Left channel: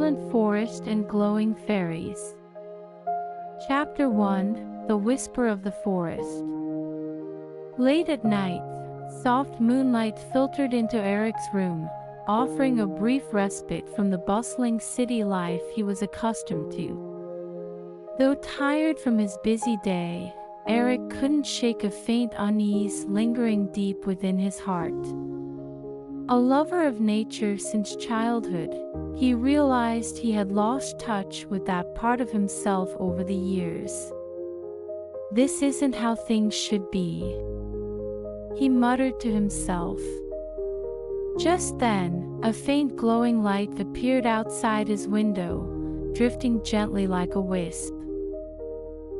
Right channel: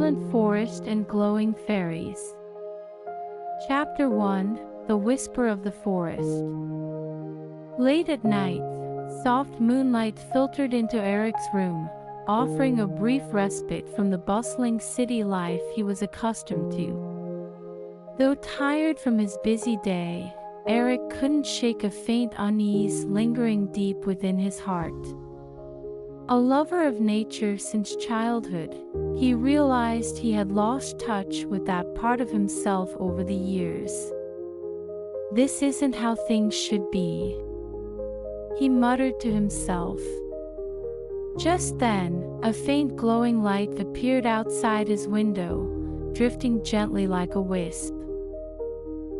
silent forest and glowing fairies. Chapter 1: The Whisper of the Forest. Late at night, soft moonlight filtered into Eric's room, offering a brief respite from the bustling city life he was accustomed to. Though tired from his busy day, Eric couldn't shake a faint unease lingering deep within his heart. A lover of nature since childhood, he realized he had lost touch with that part of himself over the years. "This isn't how things should be," he muttered to himself. Just then, a faint glowing light appeared outside his window, drifting gently like a wisp.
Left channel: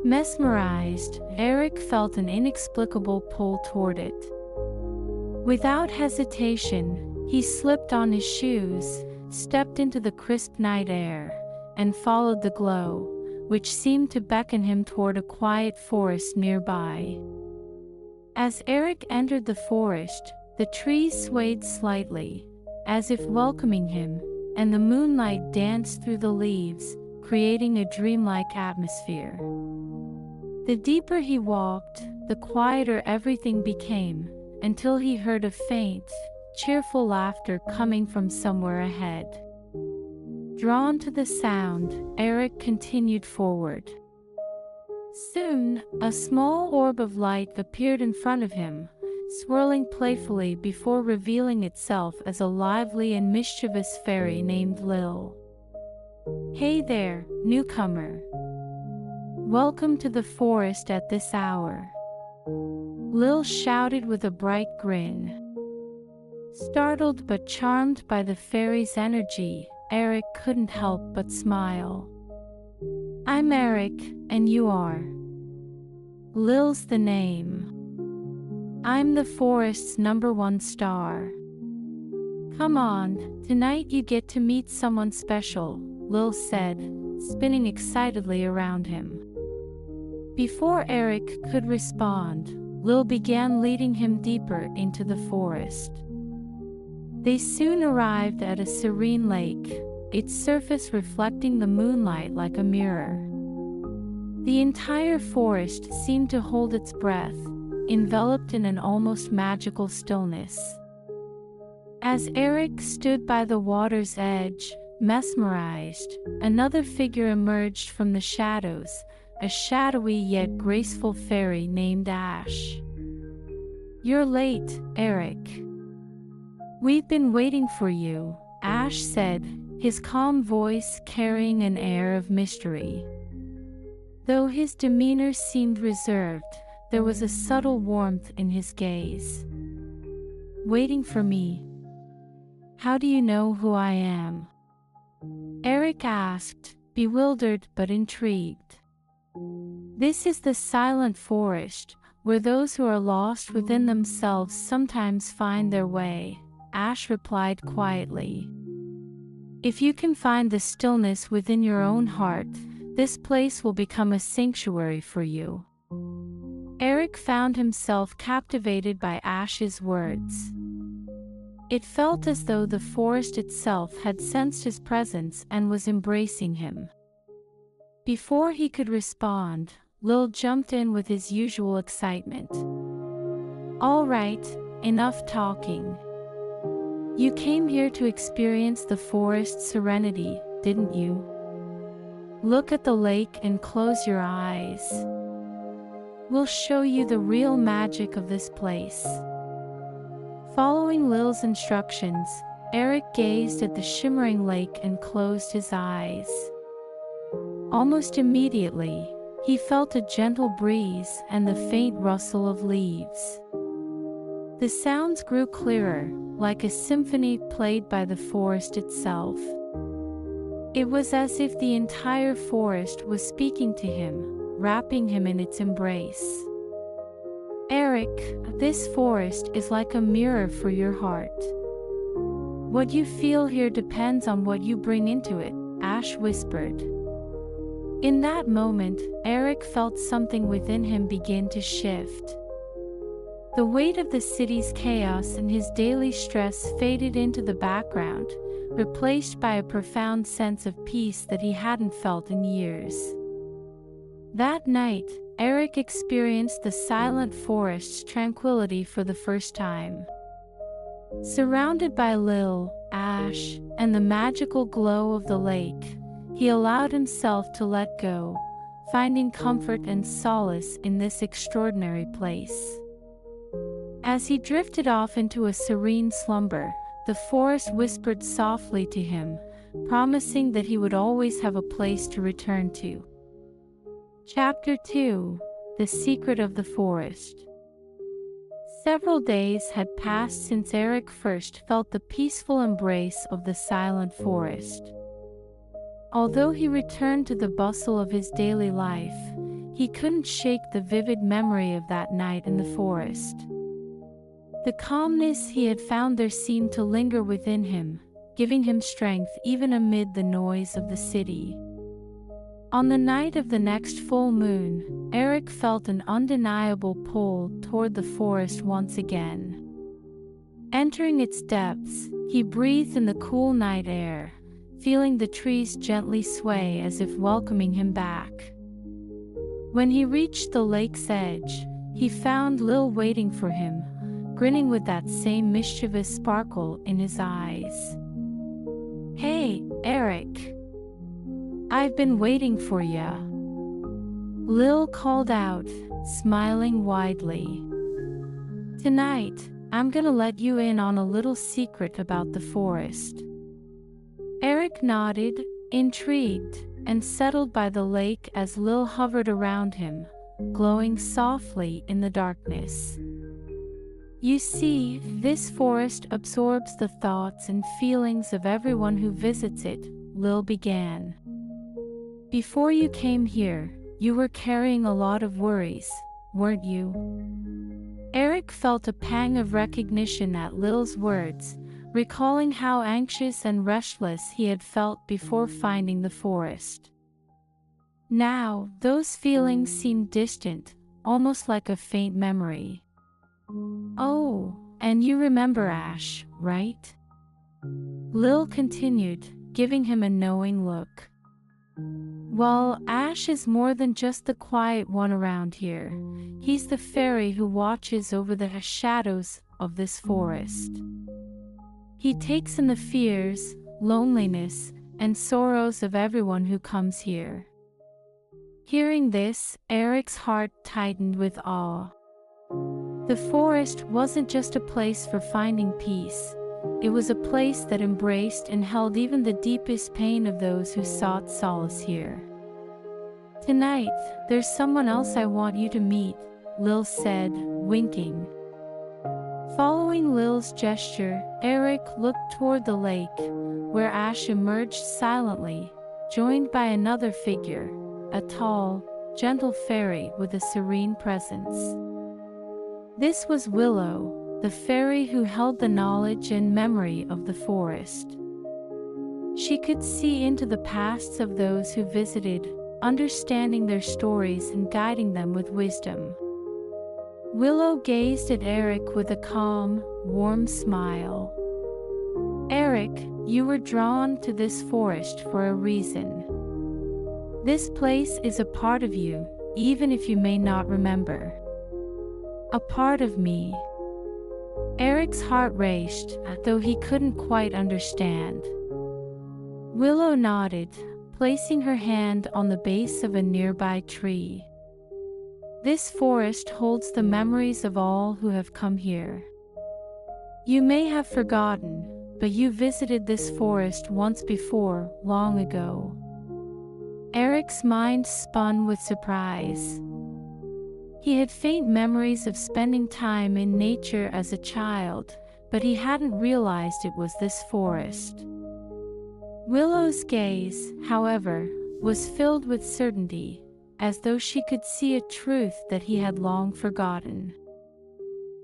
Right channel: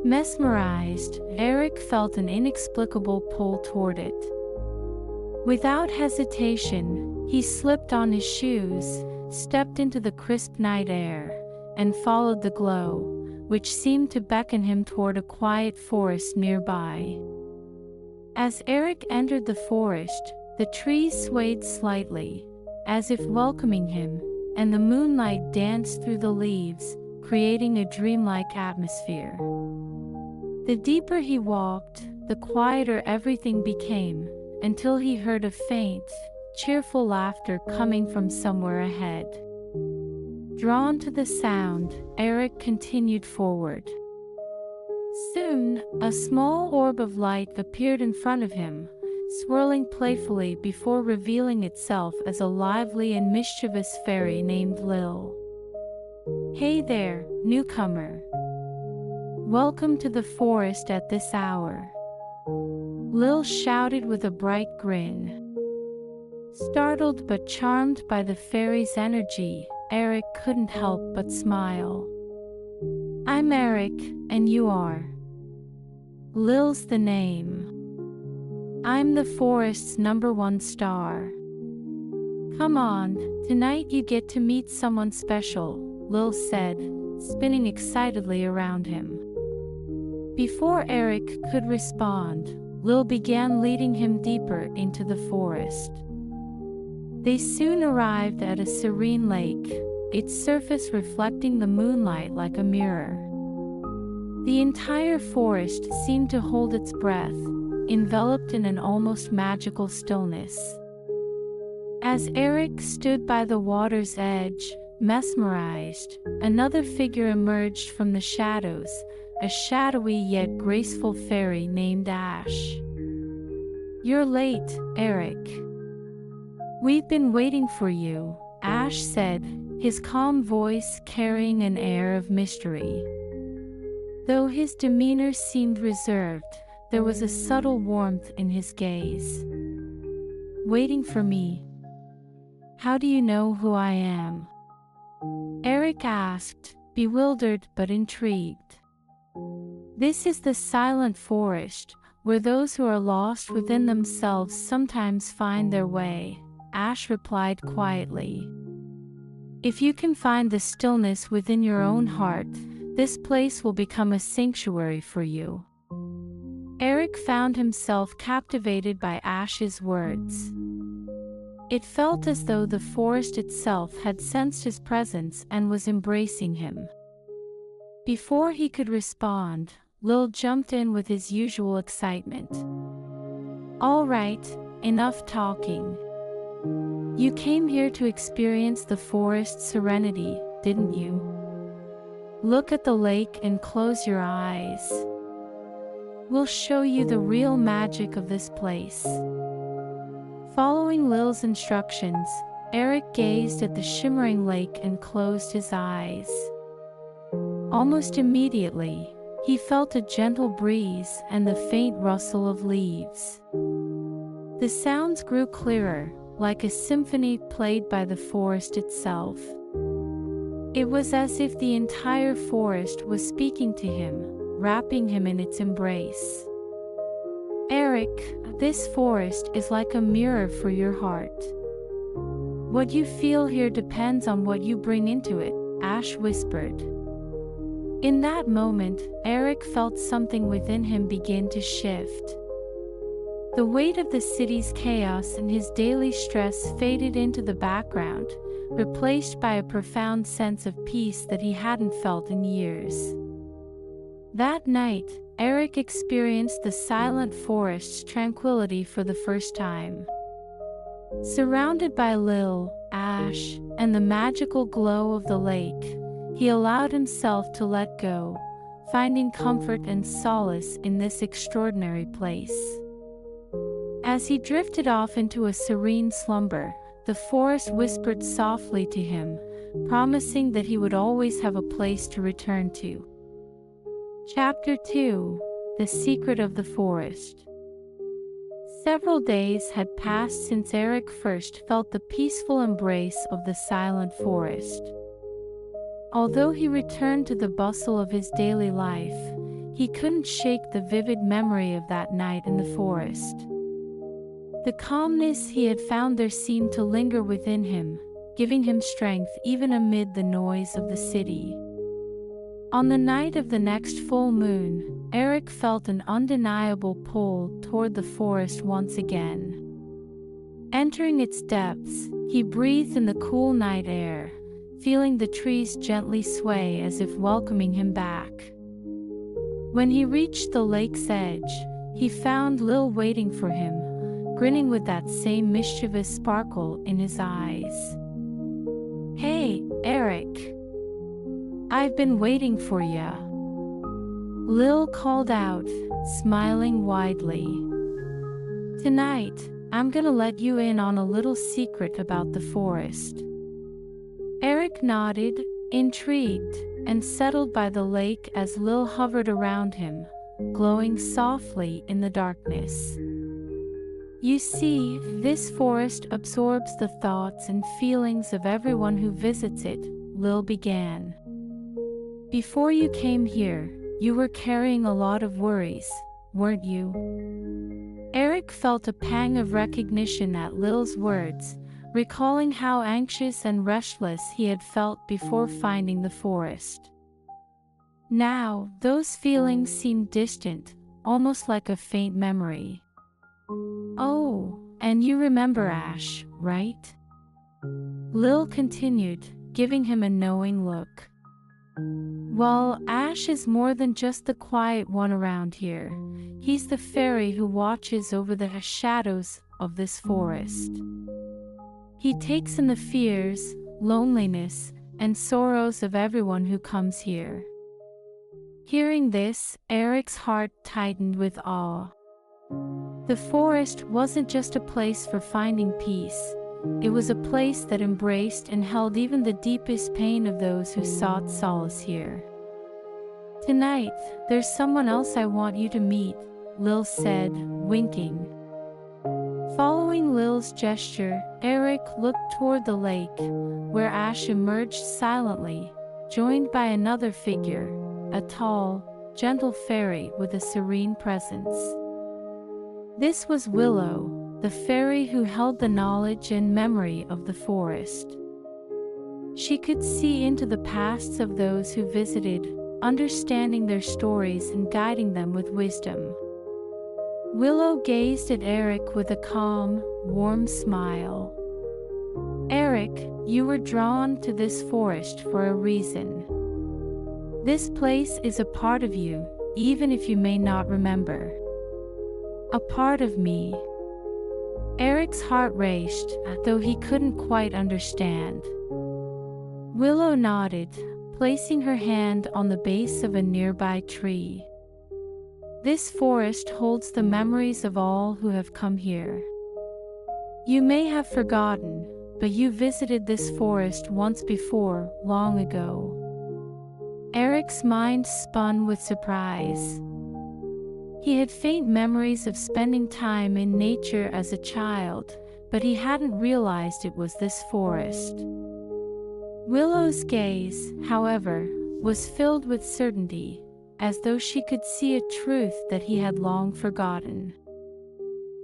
Mesmerized, Eric felt an inexplicable pull toward it. Without hesitation, he slipped on his shoes, stepped into the crisp night air, and followed the glow, which seemed to beckon him toward a quiet forest nearby. As Eric entered the forest, the trees swayed slightly, as if welcoming him, and the moonlight danced through the leaves, creating a dreamlike atmosphere. The deeper he walked, the quieter everything became, until he heard a faint, cheerful laughter coming from somewhere ahead. Drawn to the sound, Eric continued forward. Soon, a small orb of light appeared in front of him, swirling playfully before revealing itself as a lively and mischievous fairy named Lil. "Hey there, newcomer. Welcome to the forest at this hour," Lil shouted with a bright grin. Startled but charmed by the fairy's energy, Eric couldn't help but smile. "I'm Eric, and you are?" "Lil's the name. I'm the forest's #1 star. Come on, tonight you get to meet someone special," Lil said, spinning excitedly around him. Before Eric could respond, Lil began leading him deeper into the forest. They soon arrived at a serene lake, its surface reflecting the moonlight like a mirror. The entire forest seemed to hold its breath, enveloped in an almost magical stillness. As Eric stood by the water's edge, mesmerized, another figure emerged from the shadows, a shadowy yet graceful fairy named Ash. "You're late, Eric. We've been waiting for you," Ash said, his calm voice carrying an air of mystery. Though his demeanor seemed reserved, there was a subtle warmth in his gaze. "Waiting for me? How do you know who I am?" Eric asked, bewildered but intrigued. "This is the silent forest, where those who are lost within themselves sometimes find their way," Ash replied quietly. "If you can find the stillness within your own heart, this place will become a sanctuary for you." Eric found himself captivated by Ash's words. It felt as though the forest itself had sensed his presence and was embracing him. Before he could respond, Lil jumped in with his usual excitement. "All right, enough talking. You came here to experience the forest's serenity, didn't you? Look at the lake and close your eyes. We'll show you the real magic of this place." Following Lil's instructions, Eric gazed at the shimmering lake and closed his eyes. Almost immediately, he felt a gentle breeze and the faint rustle of leaves. The sounds grew clearer, like a symphony played by the forest itself. It was as if the entire forest was speaking to him, wrapping him in its embrace. "Eric, this forest is like a mirror for your heart. What you feel here depends on what you bring into it," Ash whispered. In that moment, Eric felt something within him begin to shift. The weight of the city's chaos and his daily stress faded into the background, replaced by a profound sense of peace that he hadn't felt in years. That night, Eric experienced the silent forest's tranquility for the first time. Surrounded by Lil, Ash, and the magical glow of the lake, he allowed himself to let go, finding comfort and solace in this extraordinary place. As he drifted off into a serene slumber, the forest whispered softly to him, promising that he would always have a place to return to. Chapter 2: The Secret of the Forest. Several days had passed since Eric first felt the peaceful embrace of the silent forest. Although he returned to the bustle of his daily life, he couldn't shake the vivid memory of that night in the forest. The calmness he had found there seemed to linger within him, giving him strength even amid the noise of the city. On the night of the next full moon, Eric felt an undeniable pull toward the forest once again. Entering its depths, he breathed in the cool night air, feeling the trees gently sway as if welcoming him back. When he reached the lake's edge, he found Lil waiting for him, grinning with that same mischievous sparkle in his eyes. "Hey, Eric. I've been waiting for ya," Lil called out, smiling widely. "Tonight, I'm gonna let you in on a little secret about the forest." Eric nodded, intrigued, and settled by the lake as Lil hovered around him, glowing softly in the darkness. "You see, this forest absorbs the thoughts and feelings of everyone who visits it," Lil began. "Before you came here, you were carrying a lot of worries, weren't you?" Eric felt a pang of recognition at Lil's words, recalling how anxious and restless he had felt before finding the forest. Now, those feelings seemed distant, almost like a faint memory. "Oh, and you remember Ash, right?" Lil continued, giving him a knowing look. "Well, Ash is more than just the quiet one around here. He's the fairy who watches over the shadows of this forest. He takes in the fears, loneliness, and sorrows of everyone who comes here." Hearing this, Eric's heart tightened with awe. The forest wasn't just a place for finding peace. It was a place that embraced and held even the deepest pain of those who sought solace here. "Tonight, there's someone else I want you to meet," Lil said, winking. Following Lil's gesture, Eric looked toward the lake, where Ash emerged silently, joined by another figure, a tall, gentle fairy with a serene presence. This was Willow, the fairy who held the knowledge and memory of the forest. She could see into the pasts of those who visited, understanding their stories and guiding them with wisdom. Willow gazed at Eric with a calm, warm smile. "Eric, you were drawn to this forest for a reason. This place is a part of you, even if you may not remember." "A part of me." Eric's heart raced, though he couldn't quite understand. Willow nodded, placing her hand on the base of a nearby tree. "This forest holds the memories of all who have come here. You may have forgotten, but you visited this forest once before, long ago." Eric's mind spun with surprise. He had faint memories of spending time in nature as a child, but he hadn't realized it was this forest. Willow's gaze, however, was filled with certainty, as though she could see a truth that he had long forgotten.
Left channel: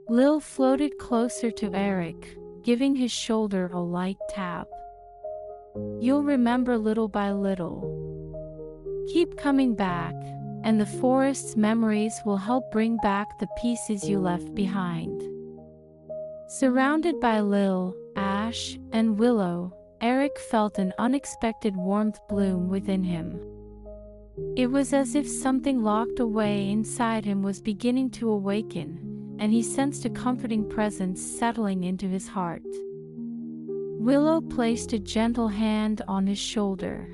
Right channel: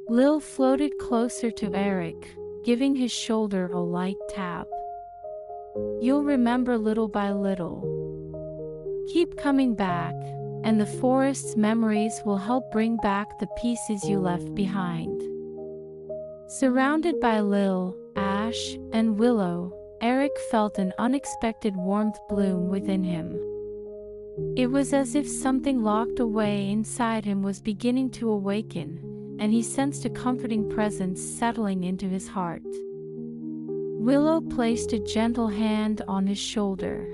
Lil floated closer to Eric, giving his shoulder a light tap. "You'll remember little by little. Keep coming back, and the forest's memories will help bring back the pieces you left behind." Surrounded by Lil, Ash, and Willow, Eric felt an unexpected warmth bloom within him. It was as if something locked away inside him was beginning to awaken, and he sensed a comforting presence settling into his heart. Willow placed a gentle hand on his shoulder.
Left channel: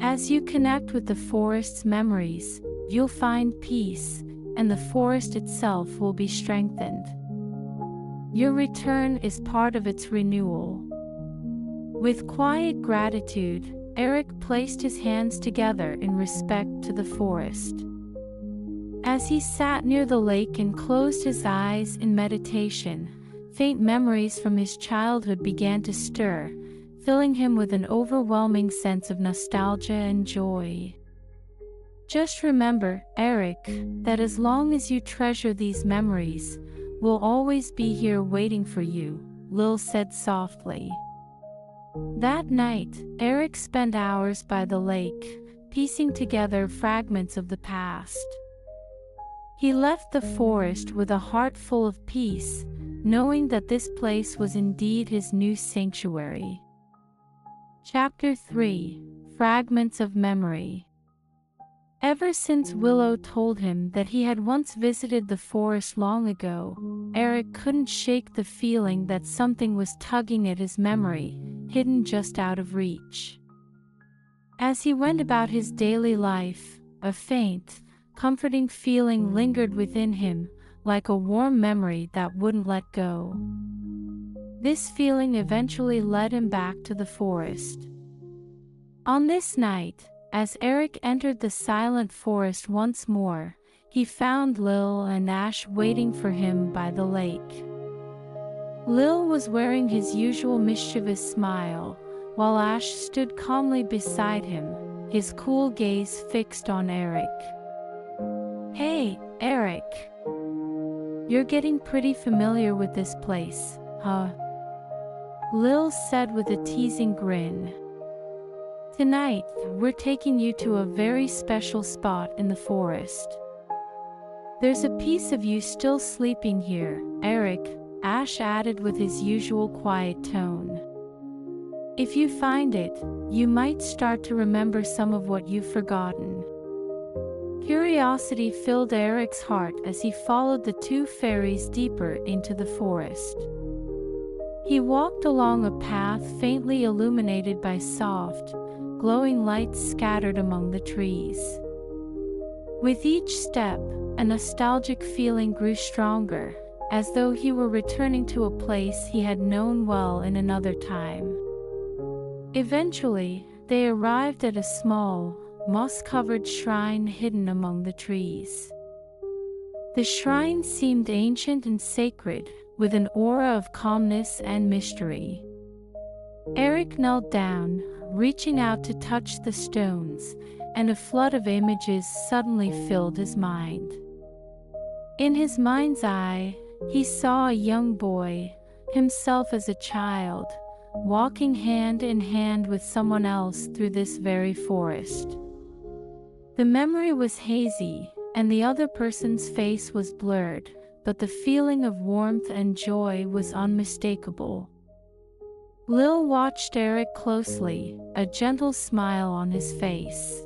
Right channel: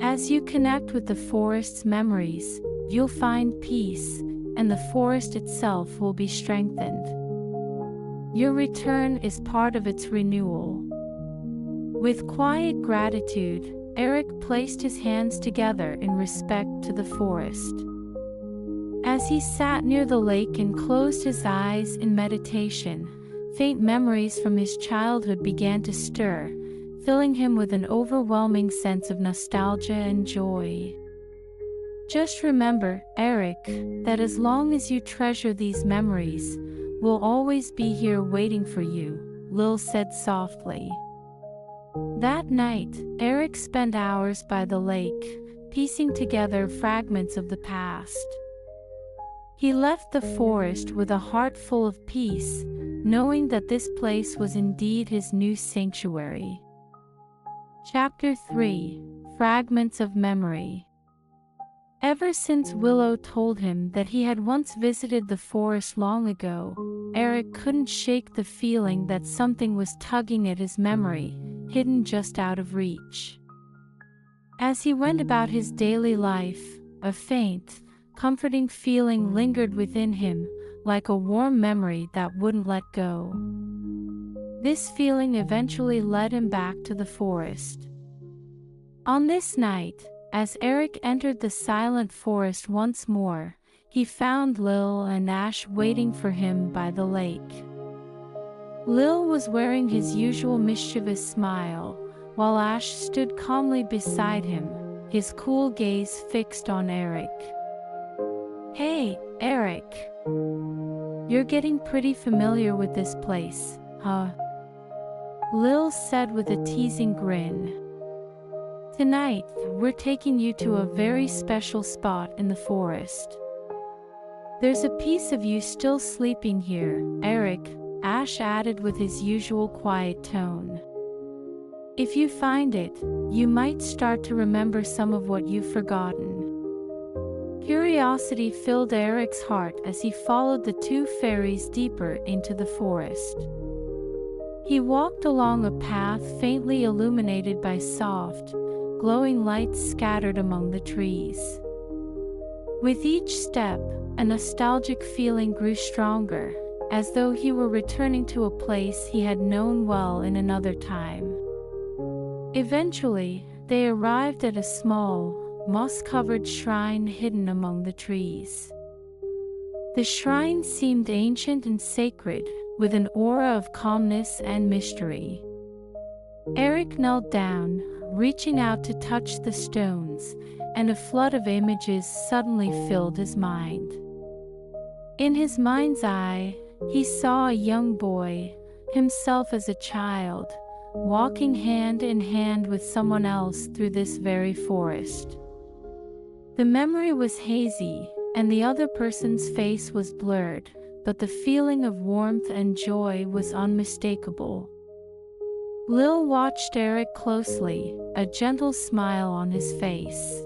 As you connect with the forest's memories, you'll find peace, and the forest itself will be strengthened. Your return is part of its renewal. With quiet gratitude, Eric placed his hands together in respect to the forest. As he sat near the lake and closed his eyes in meditation, faint memories from his childhood began to stir, filling him with an overwhelming sense of nostalgia and joy. Just remember, Eric, that as long as you treasure these memories, we'll always be here waiting for you, Lil said softly. That night, Eric spent hours by the lake, piecing together fragments of the past. He left the forest with a heart full of peace, knowing that this place was indeed his new sanctuary. Chapter 3: Fragments of Memory. Ever since Willow told him that he had once visited the forest long ago, Eric couldn't shake the feeling that something was tugging at his memory, hidden just out of reach. As he went about his daily life, a faint, comforting feeling lingered within him, like a warm memory that wouldn't let go. This feeling eventually led him back to the forest. On this night, as Eric entered the silent forest once more, he found Lil and Ash waiting for him by the lake. Lil was wearing his usual mischievous smile, while Ash stood calmly beside him, his cool gaze fixed on Eric. "Hey, Eric. You're getting pretty familiar with this place, huh?" Lil said with a teasing grin. "Tonight, we're taking you to a very special spot in the forest. There's a piece of you still sleeping here, Eric," Ash added with his usual quiet tone. "If you find it, you might start to remember some of what you've forgotten." Curiosity filled Eric's heart as he followed the two fairies deeper into the forest. He walked along a path faintly illuminated by soft, glowing lights scattered among the trees. With each step, a nostalgic feeling grew stronger, as though he were returning to a place he had known well in another time. Eventually, they arrived at a small, moss-covered shrine hidden among the trees. The shrine seemed ancient and sacred, with an aura of calmness and mystery. Eric knelt down, reaching out to touch the stones, and a flood of images suddenly filled his mind. In his mind's eye, he saw a young boy, himself as a child, walking hand in hand with someone else through this very forest. The memory was hazy, and the other person's face was blurred, but the feeling of warmth and joy was unmistakable. Lil watched Eric closely, a gentle smile on his face.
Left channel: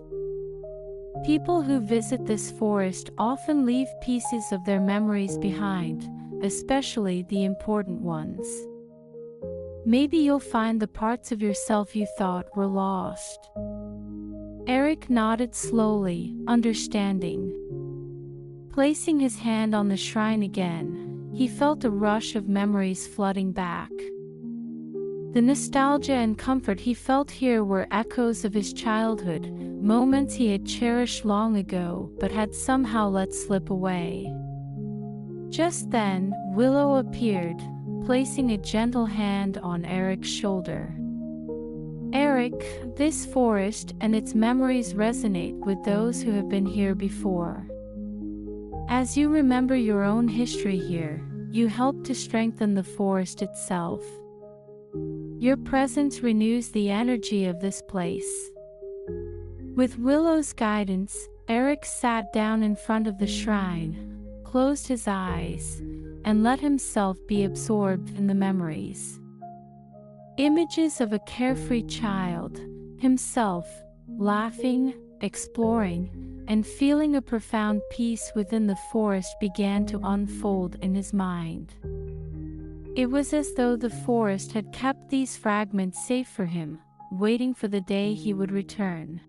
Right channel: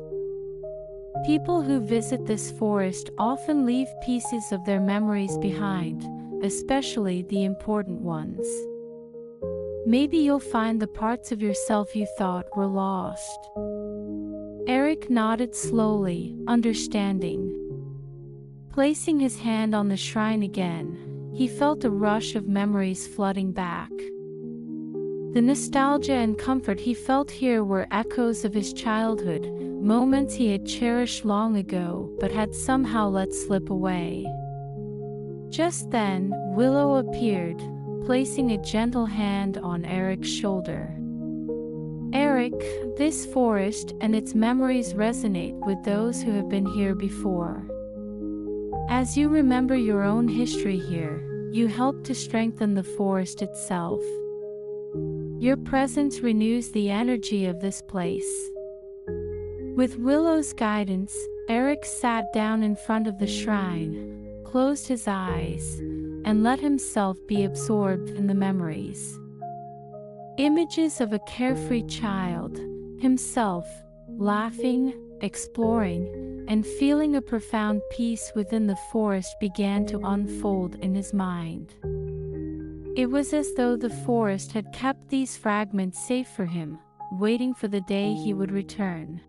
People who visit this forest often leave pieces of their memories behind, especially the important ones. Maybe you'll find the parts of yourself you thought were lost. Eric nodded slowly, understanding. Placing his hand on the shrine again, he felt a rush of memories flooding back. The nostalgia and comfort he felt here were echoes of his childhood, moments he had cherished long ago but had somehow let slip away. Just then, Willow appeared, placing a gentle hand on Eric's shoulder. "Eric, this forest and its memories resonate with those who have been here before. As you remember your own history here, you help to strengthen the forest itself. Your presence renews the energy of this place." With Willow's guidance, Eric sat down in front of the shrine, closed his eyes, and let himself be absorbed in the memories. Images of a carefree child, himself, laughing, exploring, and feeling a profound peace within the forest began to unfold in his mind. It was as though the forest had kept these fragments safe for him, waiting for the day he would return.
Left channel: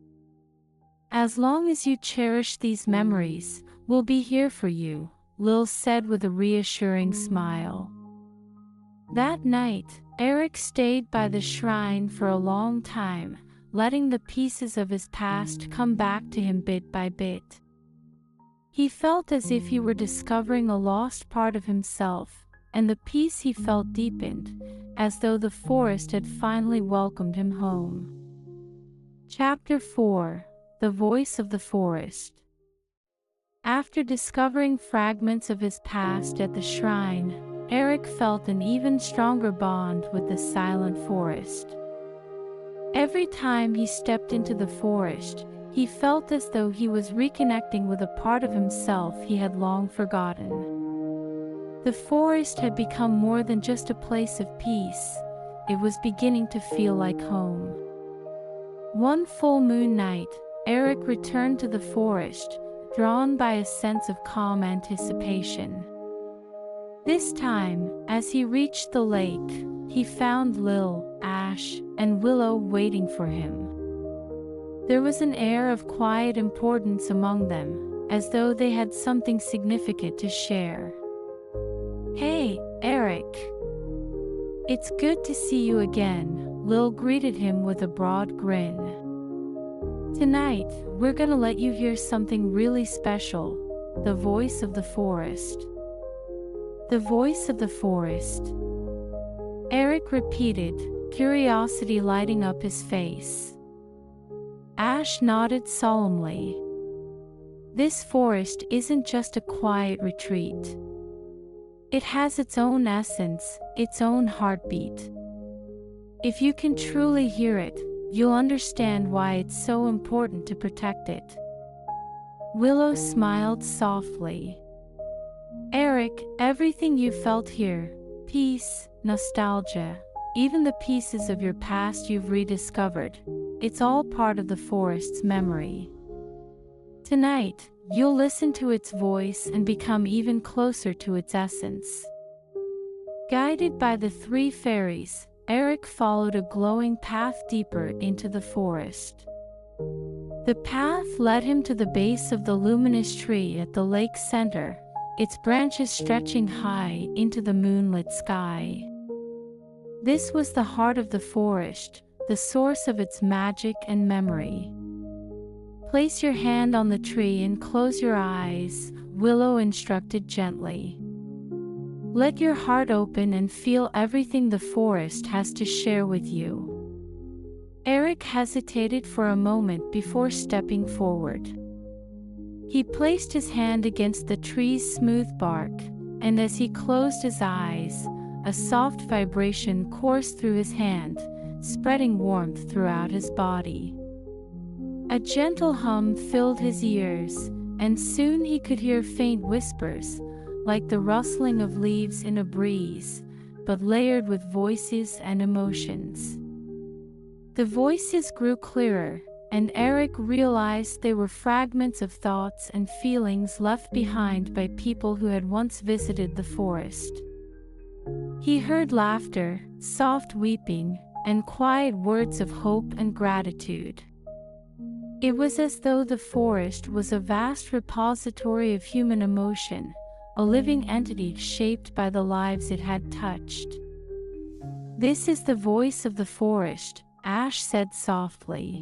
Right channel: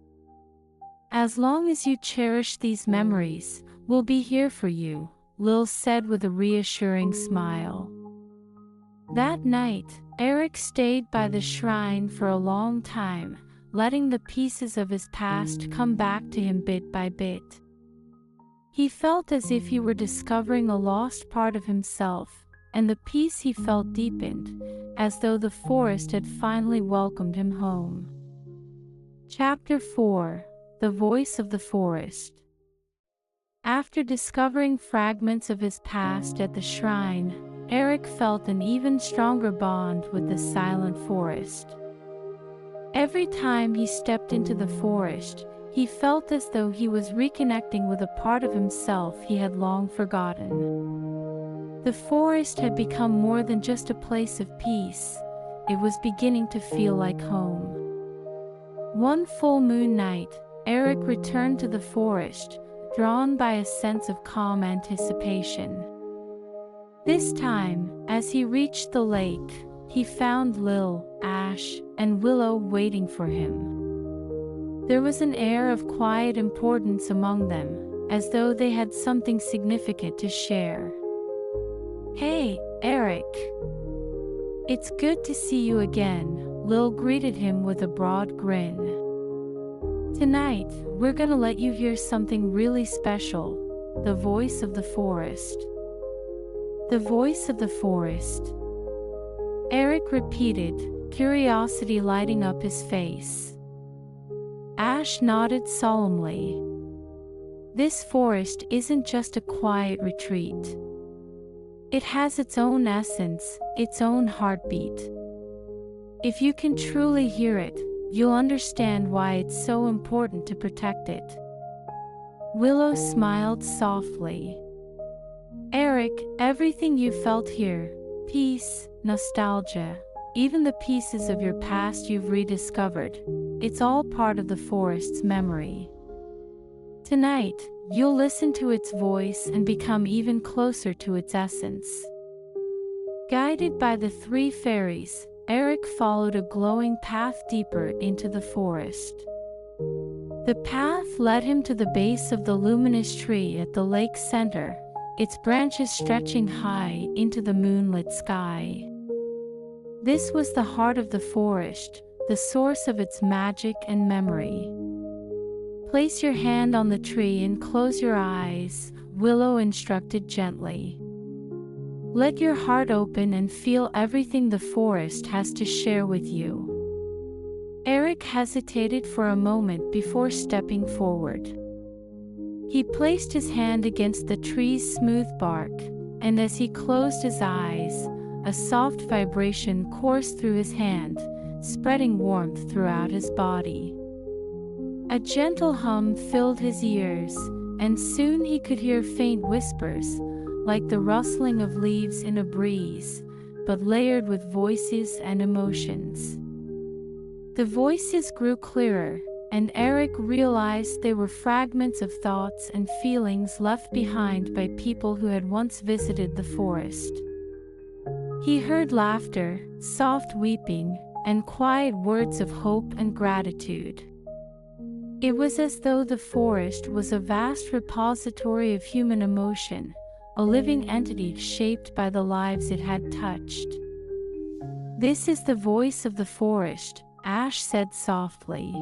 "As long as you cherish these memories, we'll be here for you," Lil said with a reassuring smile. That night, Eric stayed by the shrine for a long time, letting the pieces of his past come back to him bit by bit. He felt as if he were discovering a lost part of himself, and the peace he felt deepened, as though the forest had finally welcomed him home. Chapter 4: The Voice of the Forest. After discovering fragments of his past at the shrine, Eric felt an even stronger bond with the silent forest. Every time he stepped into the forest, he felt as though he was reconnecting with a part of himself he had long forgotten. The forest had become more than just a place of peace, it was beginning to feel like home. One full moon night, Eric returned to the forest, drawn by a sense of calm anticipation. This time, as he reached the lake, he found Lil, Ash, and Willow waiting for him. There was an air of quiet importance among them, as though they had something significant to share. "Hey, Eric. It's good to see you again," Lil greeted him with a broad grin. "Tonight, we're gonna let you hear something really special, the voice of the forest." "The voice of the forest?" Eric repeated, curiosity lighting up his face. Ash nodded solemnly. "This forest isn't just a quiet retreat. It has its own essence, its own heartbeat. If you can truly hear it, you'll understand why it's so important to protect it." Willow smiled softly. "Eric, everything you felt here, peace, nostalgia, even the pieces of your past you've rediscovered, it's all part of the forest's memory. Tonight, you'll listen to its voice and become even closer to its essence." Guided by the three fairies, Eric followed a glowing path deeper into the forest. The path led him to the base of the luminous tree at the lake's center, its branches stretching high into the moonlit sky. This was the heart of the forest, the source of its magic and memory. "Place your hand on the tree and close your eyes," Willow instructed gently. "Let your heart open and feel everything the forest has to share with you." Eric hesitated for a moment before stepping forward. He placed his hand against the tree's smooth bark, and as he closed his eyes, a soft vibration coursed through his hand, spreading warmth throughout his body. A gentle hum filled his ears, and soon he could hear faint whispers, like the rustling of leaves in a breeze, but layered with voices and emotions. The voices grew clearer, and Eric realized they were fragments of thoughts and feelings left behind by people who had once visited the forest. He heard laughter, soft weeping, and quiet words of hope and gratitude. It was as though the forest was a vast repository of human emotion, a living entity shaped by the lives it had touched. "This is the voice of the forest," Ash said softly.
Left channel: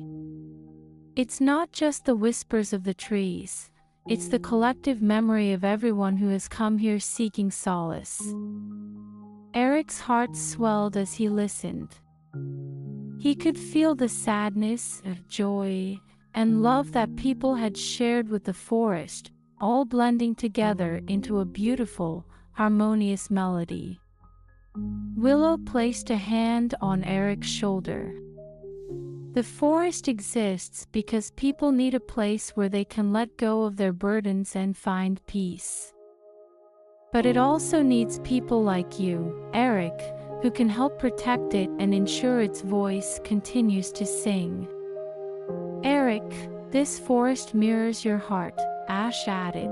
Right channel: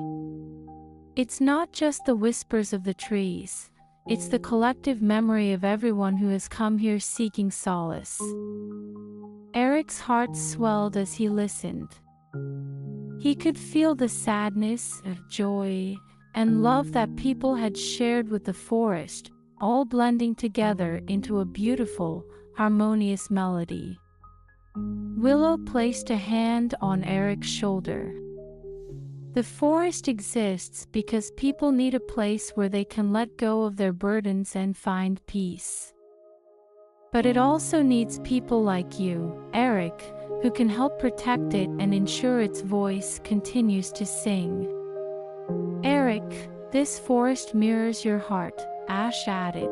"It's not just the whispers of the trees, it's the collective memory of everyone who has come here seeking solace." Eric's heart swelled as he listened. He could feel the sadness, joy, and love that people had shared with the forest, all blending together into a beautiful, harmonious melody. Willow placed a hand on Eric's shoulder. "The forest exists because people need a place where they can let go of their burdens and find peace. But it also needs people like you, Eric, who can help protect it and ensure its voice continues to sing. Eric, this forest mirrors your heart, Ash added.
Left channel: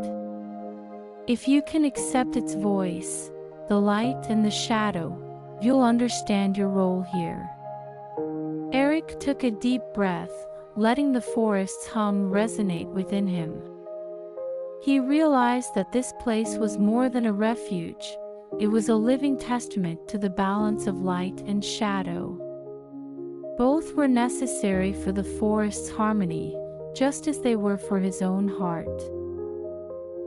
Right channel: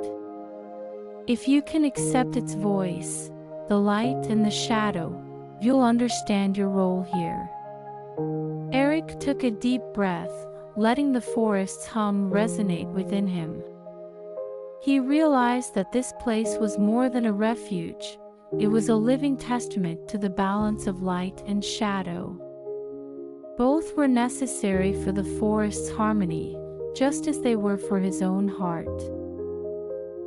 If you can accept its voice, the light and the shadow, you'll understand your role here. Eric took a deep breath, letting the forest's hum resonate within him. He realized that this place was more than a refuge. It was a living testament to the balance of light and shadow. Both were necessary for the forest's harmony, just as they were for his own heart.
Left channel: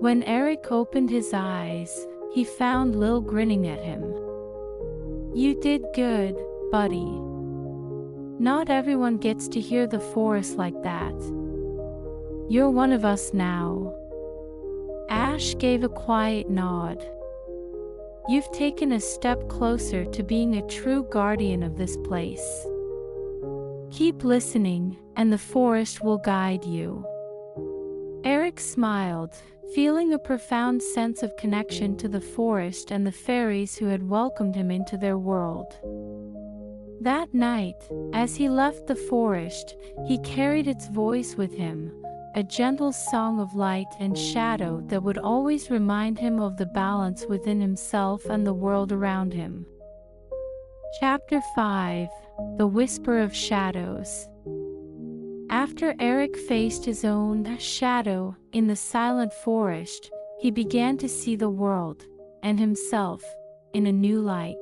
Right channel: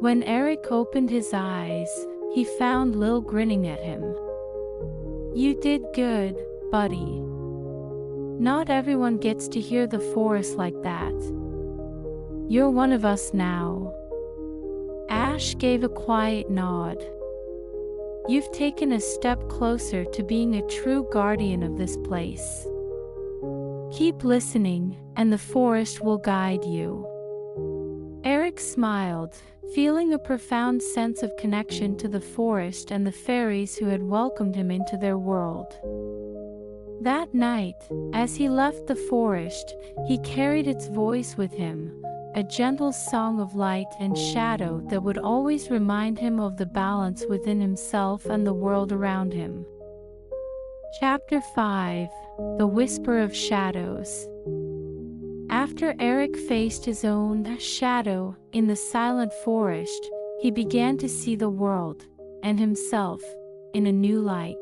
When Eric opened his eyes, he found Lil grinning at him. You did good, buddy. Not everyone gets to hear the forest like that. You're one of us now. Ash gave a quiet nod. You've taken a step closer to being a true guardian of this place. Keep listening, and the forest will guide you. Eric smiled, feeling a profound sense of connection to the forest and the fairies who had welcomed him into their world. That night, as he left the forest, he carried its voice with him, a gentle song of light and shadow that would always remind him of the balance within himself and the world around him. Chapter 5: The Whisper of Shadows. After Eric faced his own shadow in the silent forest, he began to see the world, and himself, in a new light.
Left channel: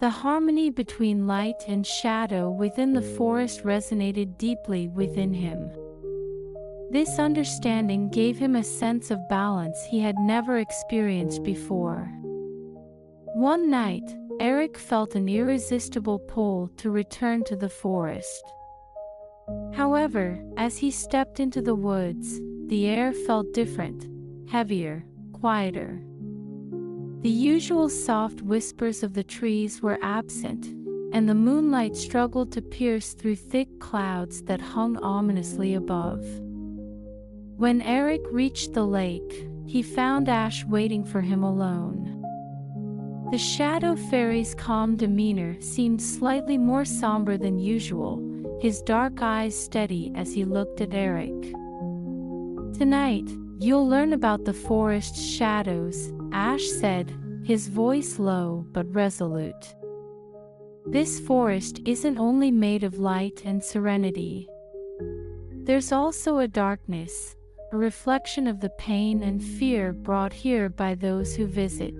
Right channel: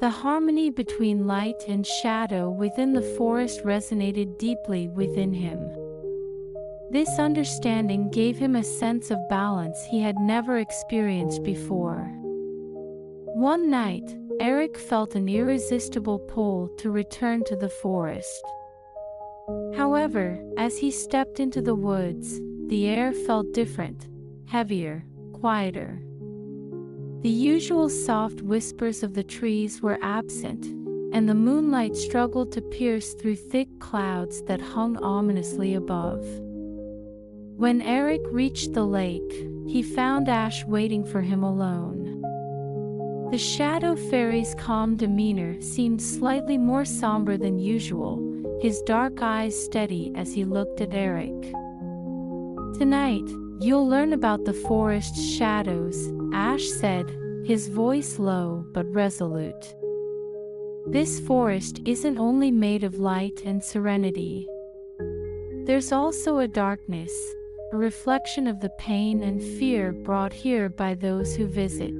The harmony between light and shadow within the forest resonated deeply within him. This understanding gave him a sense of balance he had never experienced before. One night, Eric felt an irresistible pull to return to the forest. However, as he stepped into the woods, the air felt different, heavier, quieter. The usual soft whispers of the trees were absent, and the moonlight struggled to pierce through thick clouds that hung ominously above. When Eric reached the lake, he found Ash waiting for him alone. The Shadow Fairy's calm demeanor seemed slightly more somber than usual, his dark eyes steady as he looked at Eric. Tonight, you'll learn about the forest's shadows, Ash said, his voice low but resolute. This forest isn't only made of light and serenity. There's also a darkness, a reflection of the pain and fear brought here by those who visit.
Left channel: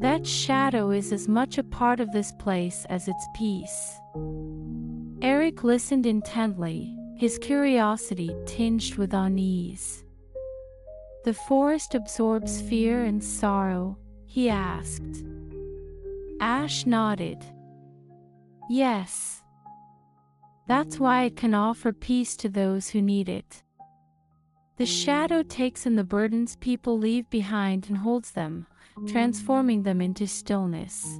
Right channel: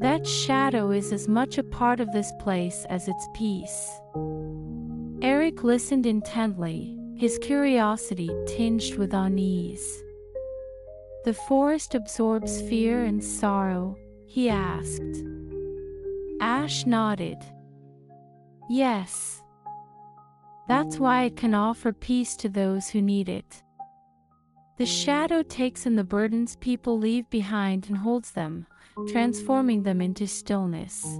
That shadow is as much a part of this place as its peace. Eric listened intently, his curiosity tinged with unease. The forest absorbs fear and sorrow, he asked. Ash nodded. Yes. That's why it can offer peace to those who need it. The shadow takes in the burdens people leave behind and holds them, transforming them into stillness.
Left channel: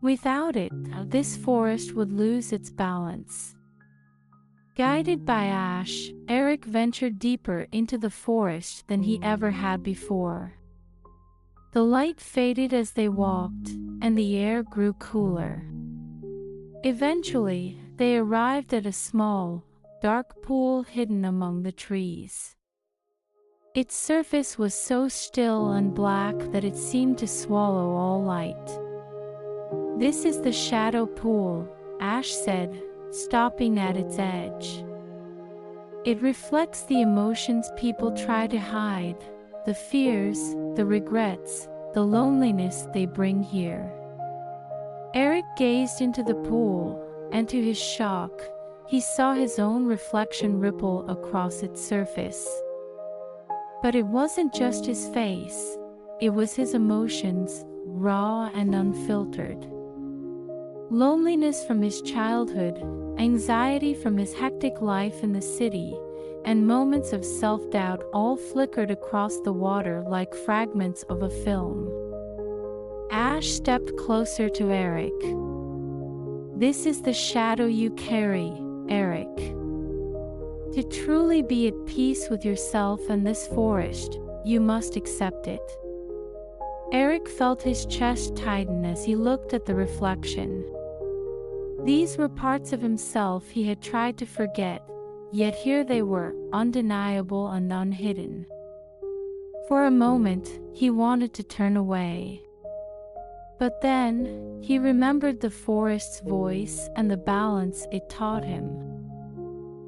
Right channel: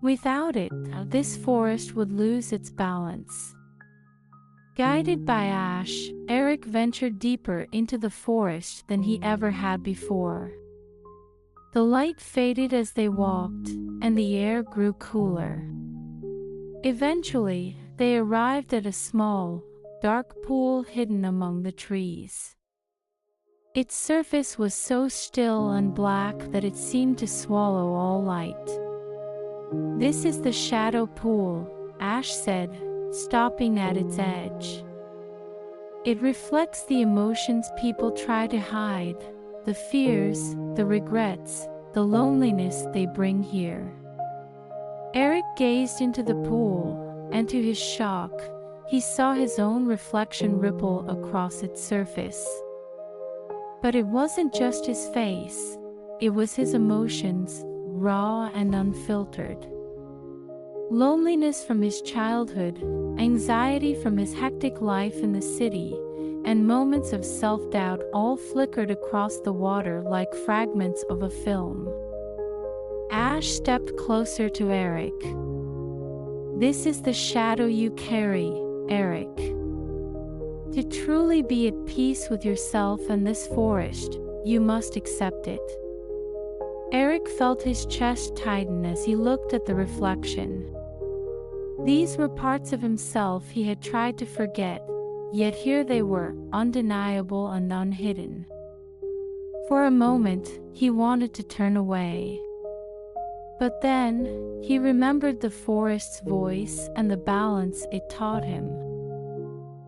Without it, this forest would lose its balance. Guided by Ash, Eric ventured deeper into the forest than he ever had before. The light faded as they walked, and the air grew cooler. Eventually, they arrived at a small, dark pool hidden among the trees. Its surface was so still and black that it seemed to swallow all light. This is the shadow pool, Ash said, stopping at its edge. It reflects the emotions people try to hide, the fears, the regrets, the loneliness they bring here. Eric gazed into the pool, and to his shock, he saw his own reflection ripple across its surface. But it wasn't just his face, it was his emotions, raw and unfiltered. Loneliness from his childhood, anxiety from his hectic life in the city, and moments of self-doubt all flickered across the water like fragments of a film. Ash stepped closer to Eric. This is the shadow you carry, Eric. To truly be at peace with yourself and this forest, you must accept it. Eric felt his chest tighten as he looked at the reflection. These were parts of himself he had tried to forget, yet here they were, undeniable and unhidden. For a moment, he wanted to turn away. But then, he remembered the forest's voice and the balance it taught him.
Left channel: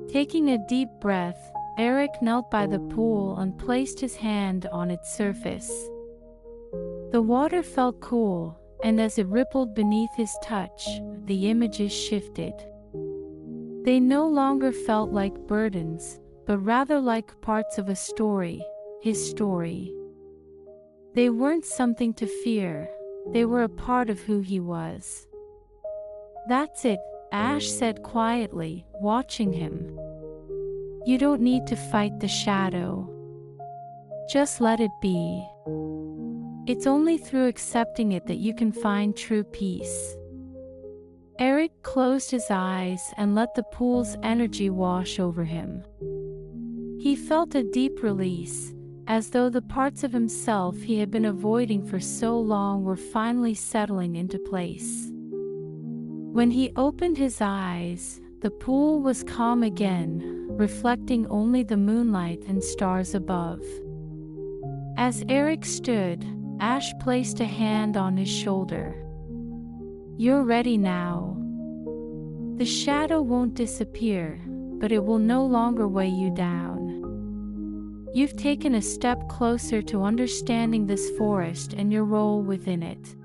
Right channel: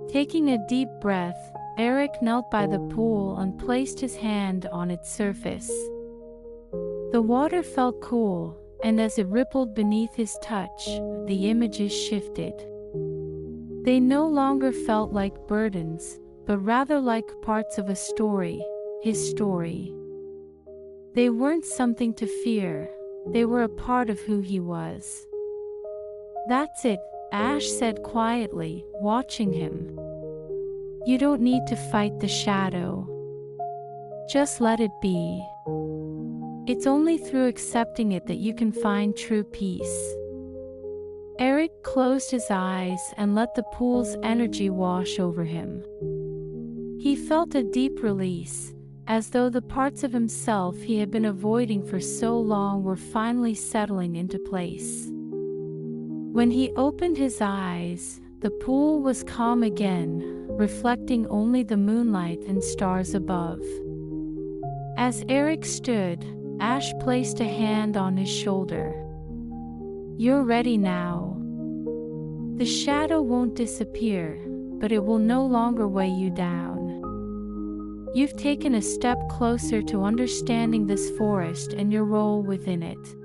Taking a deep breath, Eric knelt by the pool and placed his hand on its surface. The water felt cool, and as it rippled beneath his touch, the images shifted. They no longer felt like burdens, but rather like parts of a story, his story. They weren't something to fear, they were a part of who he was. "That's it," Ash said quietly, watching him. "You don't need to fight the shadow. Just let it be. It's only through accepting it that you can find true peace." Eric closed his eyes and let the pool's energy wash over him. He felt a deep release, as though the parts of himself he had been avoiding for so long were finally settling into place. When he opened his eyes, the pool was calm again, reflecting only the moonlight and stars above. As Eric stood, Ash placed a hand on his shoulder. "You're ready now. The shadow won't disappear, but it will no longer weigh you down. You've taken a step closer to understanding this forest and your role within it."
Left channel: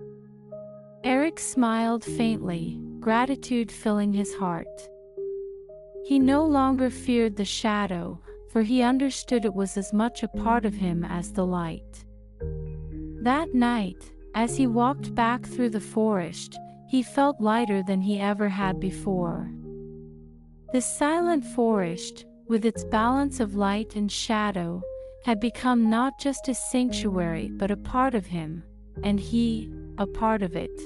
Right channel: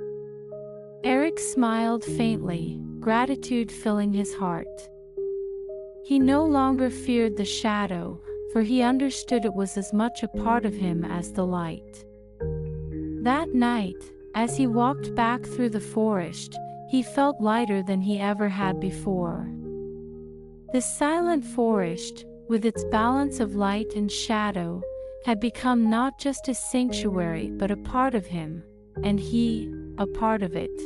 Eric smiled faintly, gratitude filling his heart. He no longer feared the shadow, for he understood it was as much a part of him as the light. That night, as he walked back through the forest, he felt lighter than he ever had before. The silent forest, with its balance of light and shadow, had become not just a sanctuary but a part of him, and he, a part of it.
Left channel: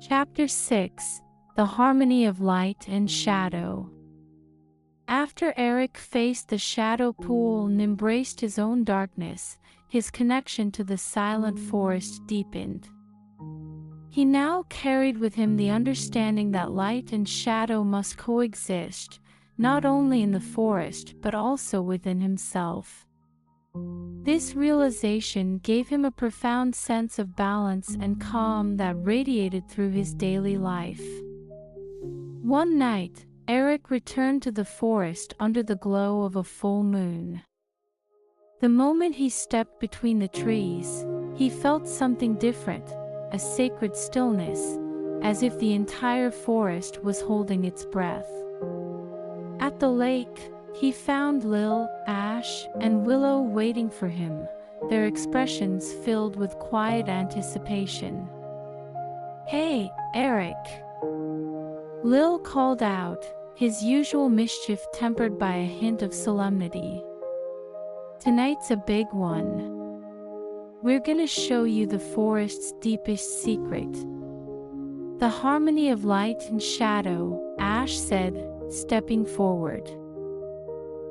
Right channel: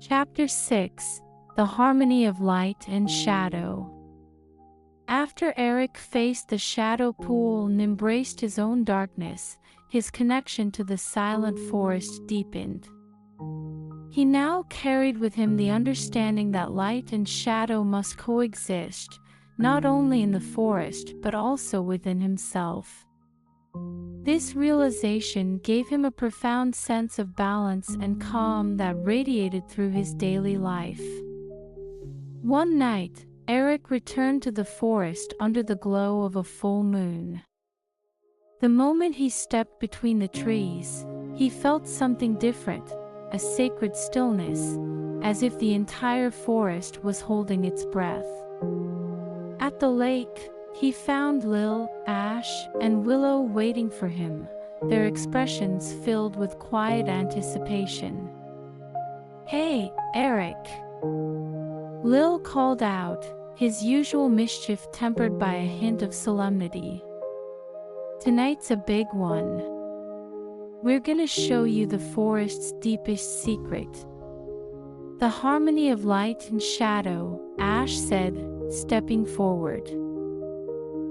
Chapter 6: The Harmony of Light and Shadow. After Eric faced the shadow pool and embraced his own darkness, his connection to the silent forest deepened. He now carried with him the understanding that light and shadow must coexist, not only in the forest but also within himself. This realization gave him a profound sense of balance and calm that radiated through his daily life. One night, Eric returned to the forest under the glow of a full moon. The moment he stepped between the trees, he felt something different, a sacred stillness, as if the entire forest was holding its breath. At the lake, he found Lil, Ash, and Willow waiting for him, their expressions filled with quiet anticipation. "Hey, Eric!" Lil called out, his usual mischief tempered by a hint of solemnity. "Tonight's a big one. We're gonna show you the forest's deepest secret." "The harmony of light and shadow," Ash said, stepping forward.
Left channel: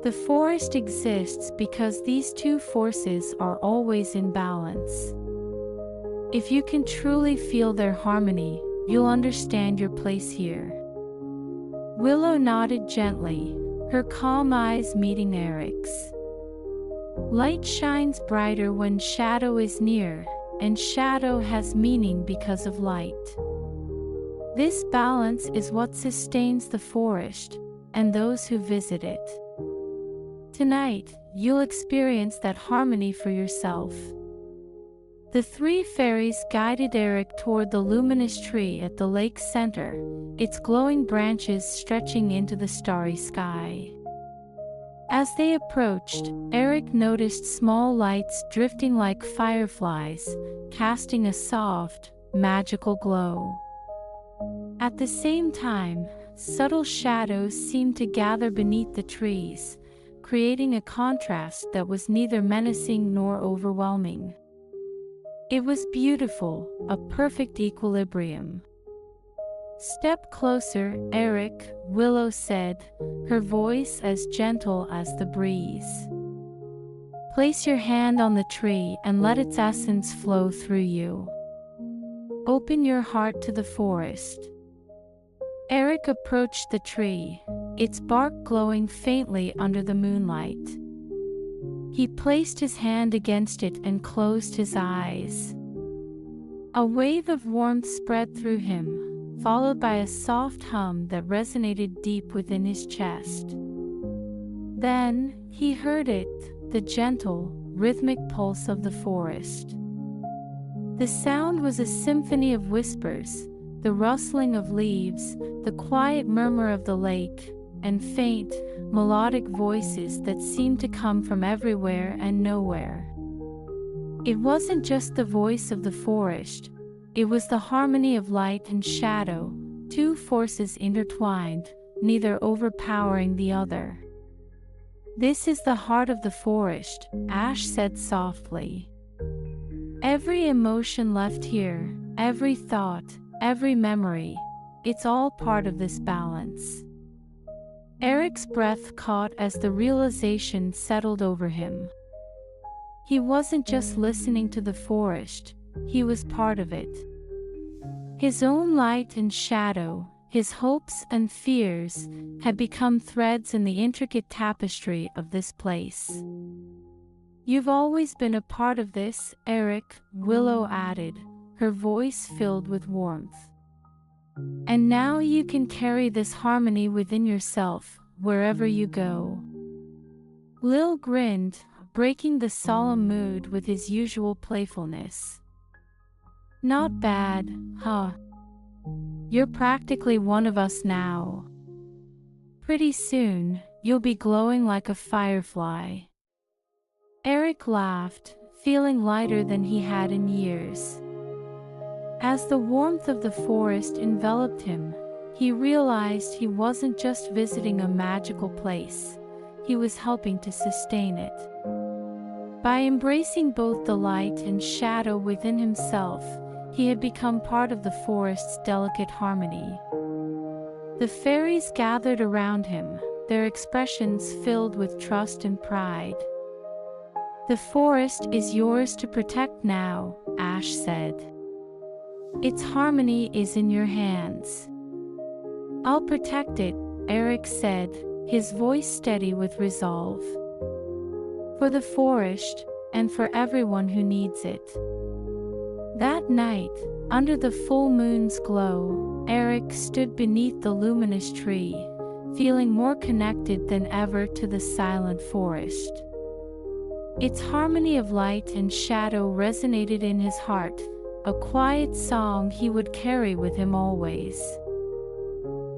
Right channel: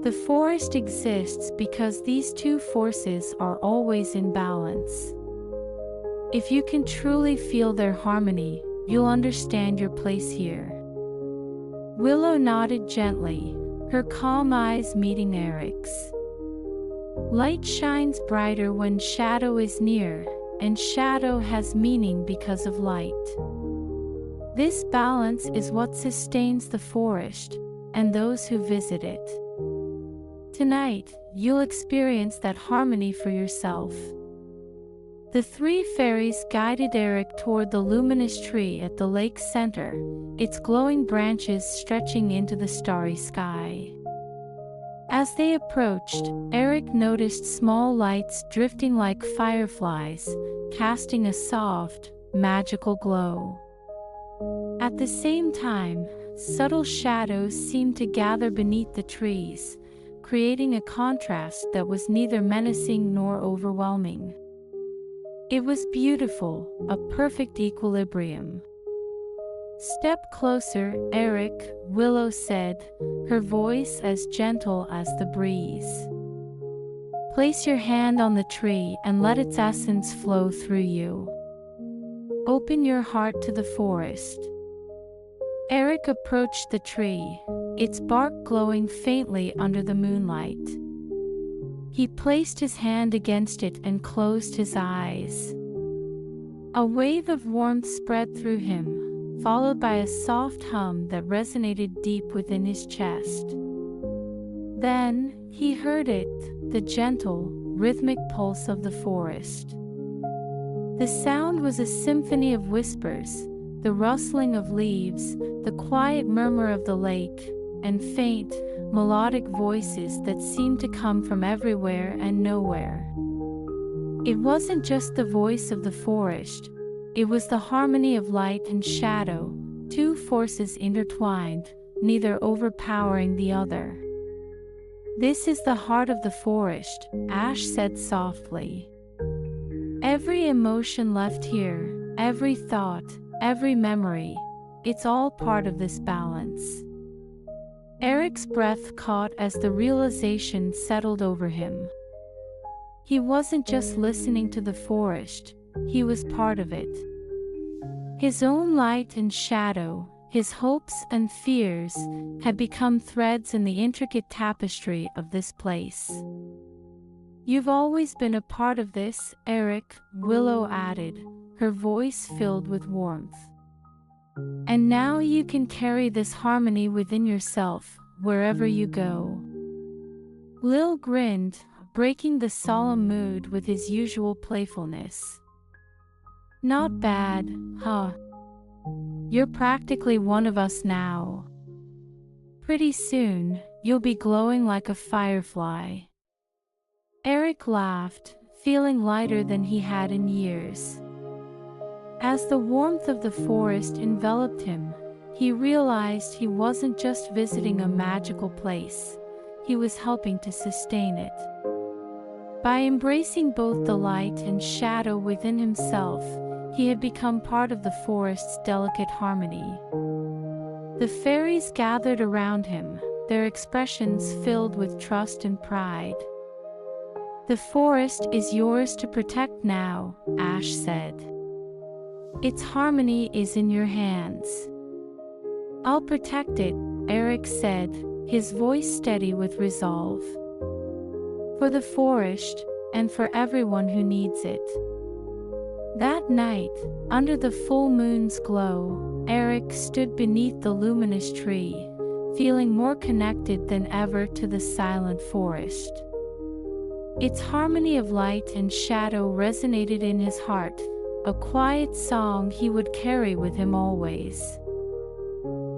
"The forest exists because these two forces are always in balance. If you can truly feel their harmony, you'll understand your place here." Willow nodded gently, her calm eyes meeting Eric's. "Light shines brighter when shadow is near, and shadow has meaning because of light. This balance is what sustains the forest, and those who visit it. Tonight, you'll experience that harmony for yourself." The three fairies guided Eric toward the luminous tree at the lake's center, its glowing branches stretching into the starry sky. As they approached, Eric noticed small lights drifting like fireflies, casting a soft, magical glow. At the same time, subtle shadows seemed to gather beneath the trees, creating a contrast that was neither menacing nor overwhelming. It was beautiful, a perfect equilibrium. "Step closer, Eric," Willow said, her voice as gentle as the breeze. Place your hand on the tree and let its essence flow through you. Open your heart to the forest. Eric approached the tree, its bark glowing faintly under the moonlight. He placed his hand against it and closed his eyes. A wave of warmth spread through him, followed by a soft hum that resonated deep within his chest. Then, he heard it, the gentle, rhythmic pulse of the forest. The sound was a symphony of whispers, the rustling of leaves, the quiet murmur of the lake, and faint, melodic voices that seemed to come from everywhere and nowhere. It wasn't just the voice of the forest, it was the harmony of light and shadow, two forces intertwined, neither overpowering the other. "This is the heart of the forest," Ash said softly. "Every emotion left here, every thought, every memory, it's all part of this balance." Eric's breath caught as the realization settled over him. He wasn't just listening to the forest, he was part of it. His own light and shadow, his hopes and fears, had become threads in the intricate tapestry of this place. "You've always been a part of this, Eric," Willow added, her voice filled with warmth. "And now you can carry this harmony within yourself, wherever you go." Lil grinned, breaking the solemn mood with his usual playfulness. "Not bad, huh? You're practically one of us now. Pretty soon, you'll be glowing like a firefly." Eric laughed, feeling lighter than he had in years. As the warmth of the forest enveloped him, he realized he wasn't just visiting a magical place, he was helping to sustain it. By embracing both the light and shadow within himself, he had become part of the forest's delicate harmony. The fairies gathered around him, their expressions filled with trust and pride. "The forest is yours to protect now," Ash said. "Its harmony is in your hands." "I'll protect it," Eric said, his voice steady with resolve. "For the forest, and for everyone who needs it." That night, under the full moon's glow, Eric stood beneath the luminous tree, feeling more connected than ever to the silent forest. Its harmony of light and shadow resonated in his heart, a quiet song he would carry with him always.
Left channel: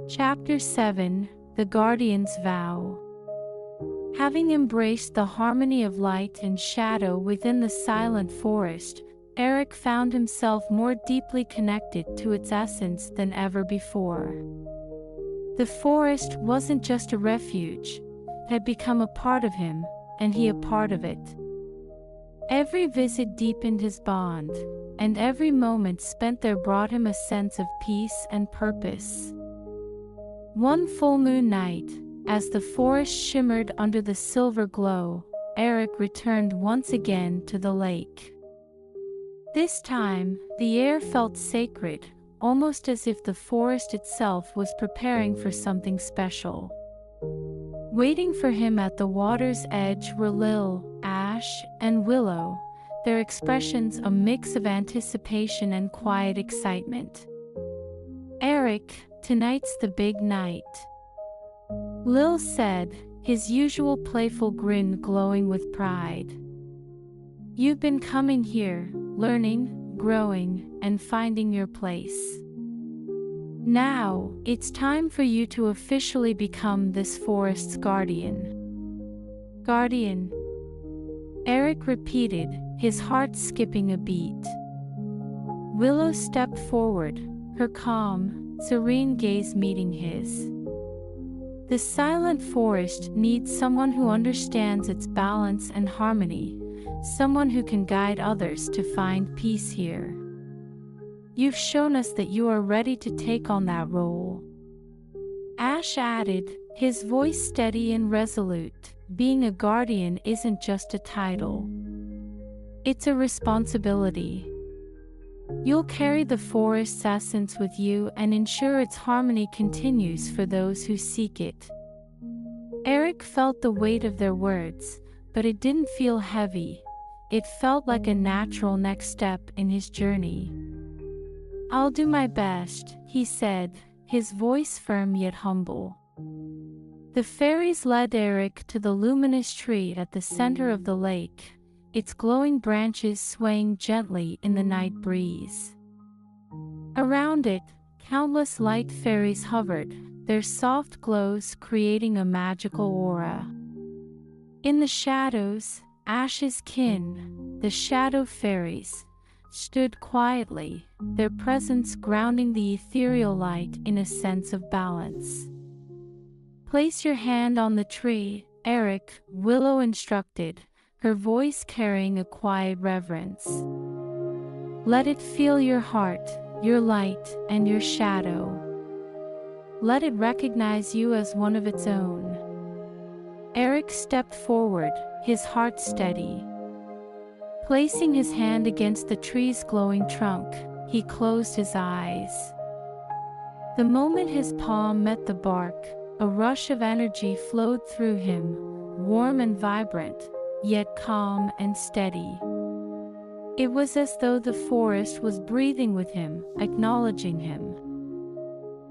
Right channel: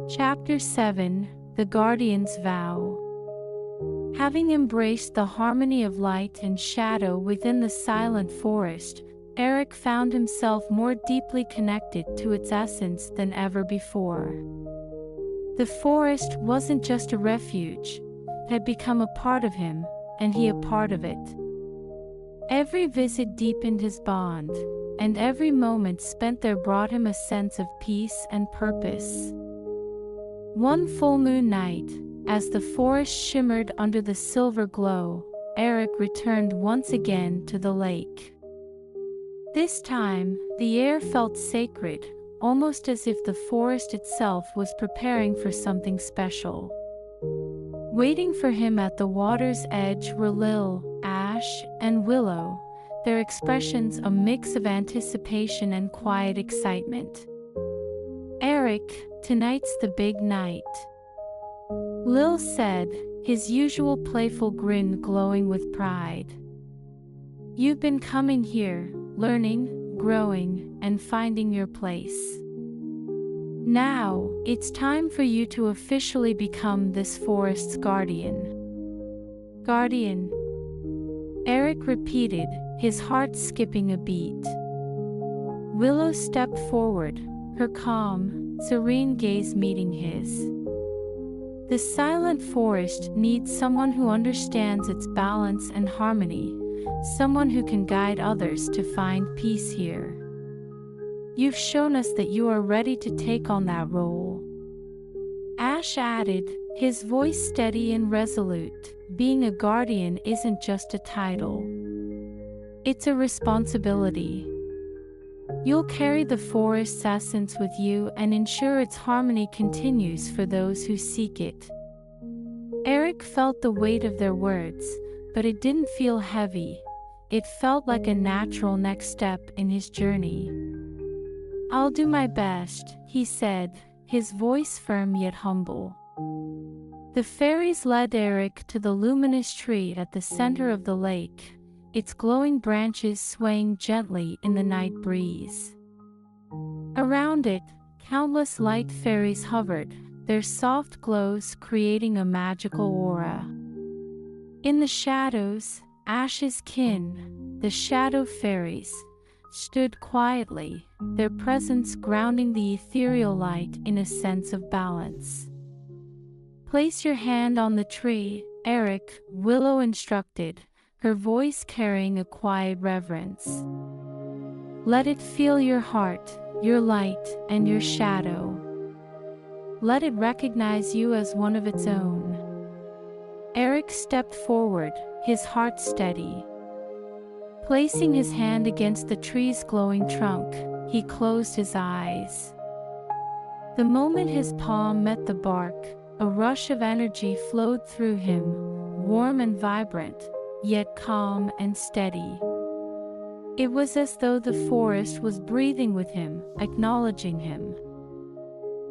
Chapter 7: The Guardian's Vow. Having embraced the harmony of light and shadow within the silent forest, Eric found himself more deeply connected to its essence than ever before. The forest wasn't just a refuge, it had become a part of him, and he a part of it. Every visit deepened his bond, and every moment spent there brought him a sense of peace and purpose. One full moon night, as the forest shimmered under the silver glow, Eric returned once again to the lake. This time, the air felt sacred, almost as if the forest itself was preparing for something special. Waiting for him at the water's edge were Lil, Ash, and Willow, their expressions a mix of anticipation and quiet excitement. "Eric, tonight's the big night," Lil said, his usual playful grin glowing with pride. "You've been coming here, learning, growing, and finding your place. Now, it's time for you to officially become this forest's guardian." "Guardian?" Eric repeated, his heart skipping a beat. Willow stepped forward, her calm, serene gaze meeting his. The silent forest needs someone who understands its balance and harmony, someone who can guide others to find peace here. "You've shown us that you are ready to take on that role," Ash added, his voice steady and resolute. being a guardian isn't just a title. It's a responsibility. You'll carry the forest's essence with you and ensure its harmony continues for those who seek it. Eric felt the weight of their words, but it didn't feel heavy. It felt like a natural next step in his journey. "I'll do my best," he said, his voice firm yet humble. The fairies led Eric to the luminous tree at the center of the lake, its glowing branches swaying gently in the night breeze. Around it, countless light fairies hovered, their soft glows creating a magical aura. In the shadows, Ash's kin, the shadow fairies, stood quietly, their presence grounding the ethereal light in a sense of balance. "Place your hand on the tree," Eric, Willow instructed, her voice carrying a quiet reverence. "Let it feel your heart, your light, and your shadow. Let it recognize you as one of its own." Eric stepped forward, his heart steady. Placing his hand against the tree's glowing trunk, he closed his eyes. The moment his palm met the bark, a rush of energy flowed through him, warm and vibrant, yet calm and steady. It was as though the forest was breathing with him, acknowledging him.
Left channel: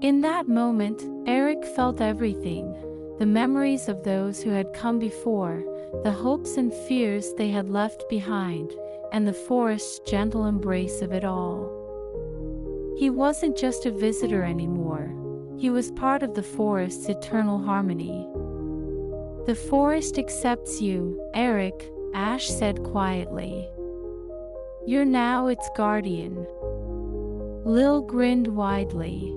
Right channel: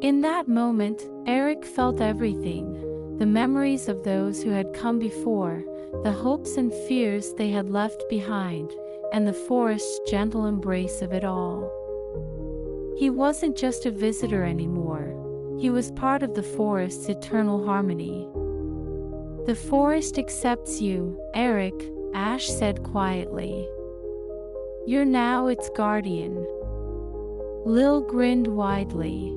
In that moment, Eric felt everything: the memories of those who had come before, the hopes and fears they had left behind, and the forest's gentle embrace of it all. He wasn't just a visitor anymore. He was part of the forest's eternal harmony. "The forest accepts you, Eric," Ash said quietly. "You're now its guardian." Lil grinned widely.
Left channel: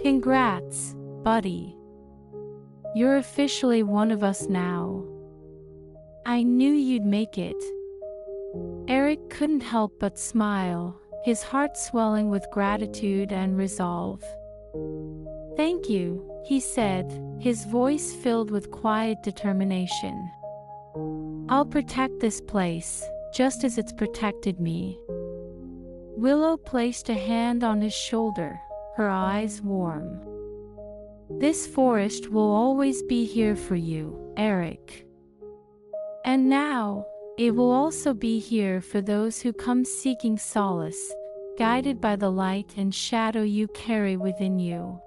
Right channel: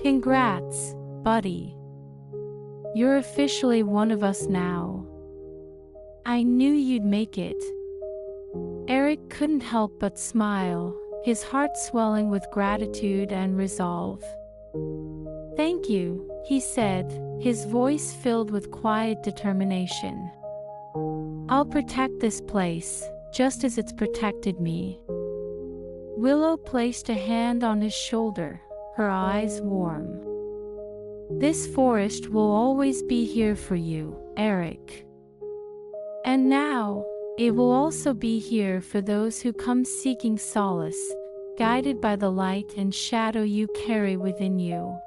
"Congrats, buddy. You're officially one of us now. I knew you'd make it." Eric couldn't help but smile, his heart swelling with gratitude and resolve. "Thank you," he said, his voice filled with quiet determination. "I'll protect this place, just as it's protected me." Willow placed a hand on his shoulder, her eyes warm. "This forest will always be here for you, Eric. And now, it will also be here for those who come seeking solace, guided by the light and shadow you carry within you."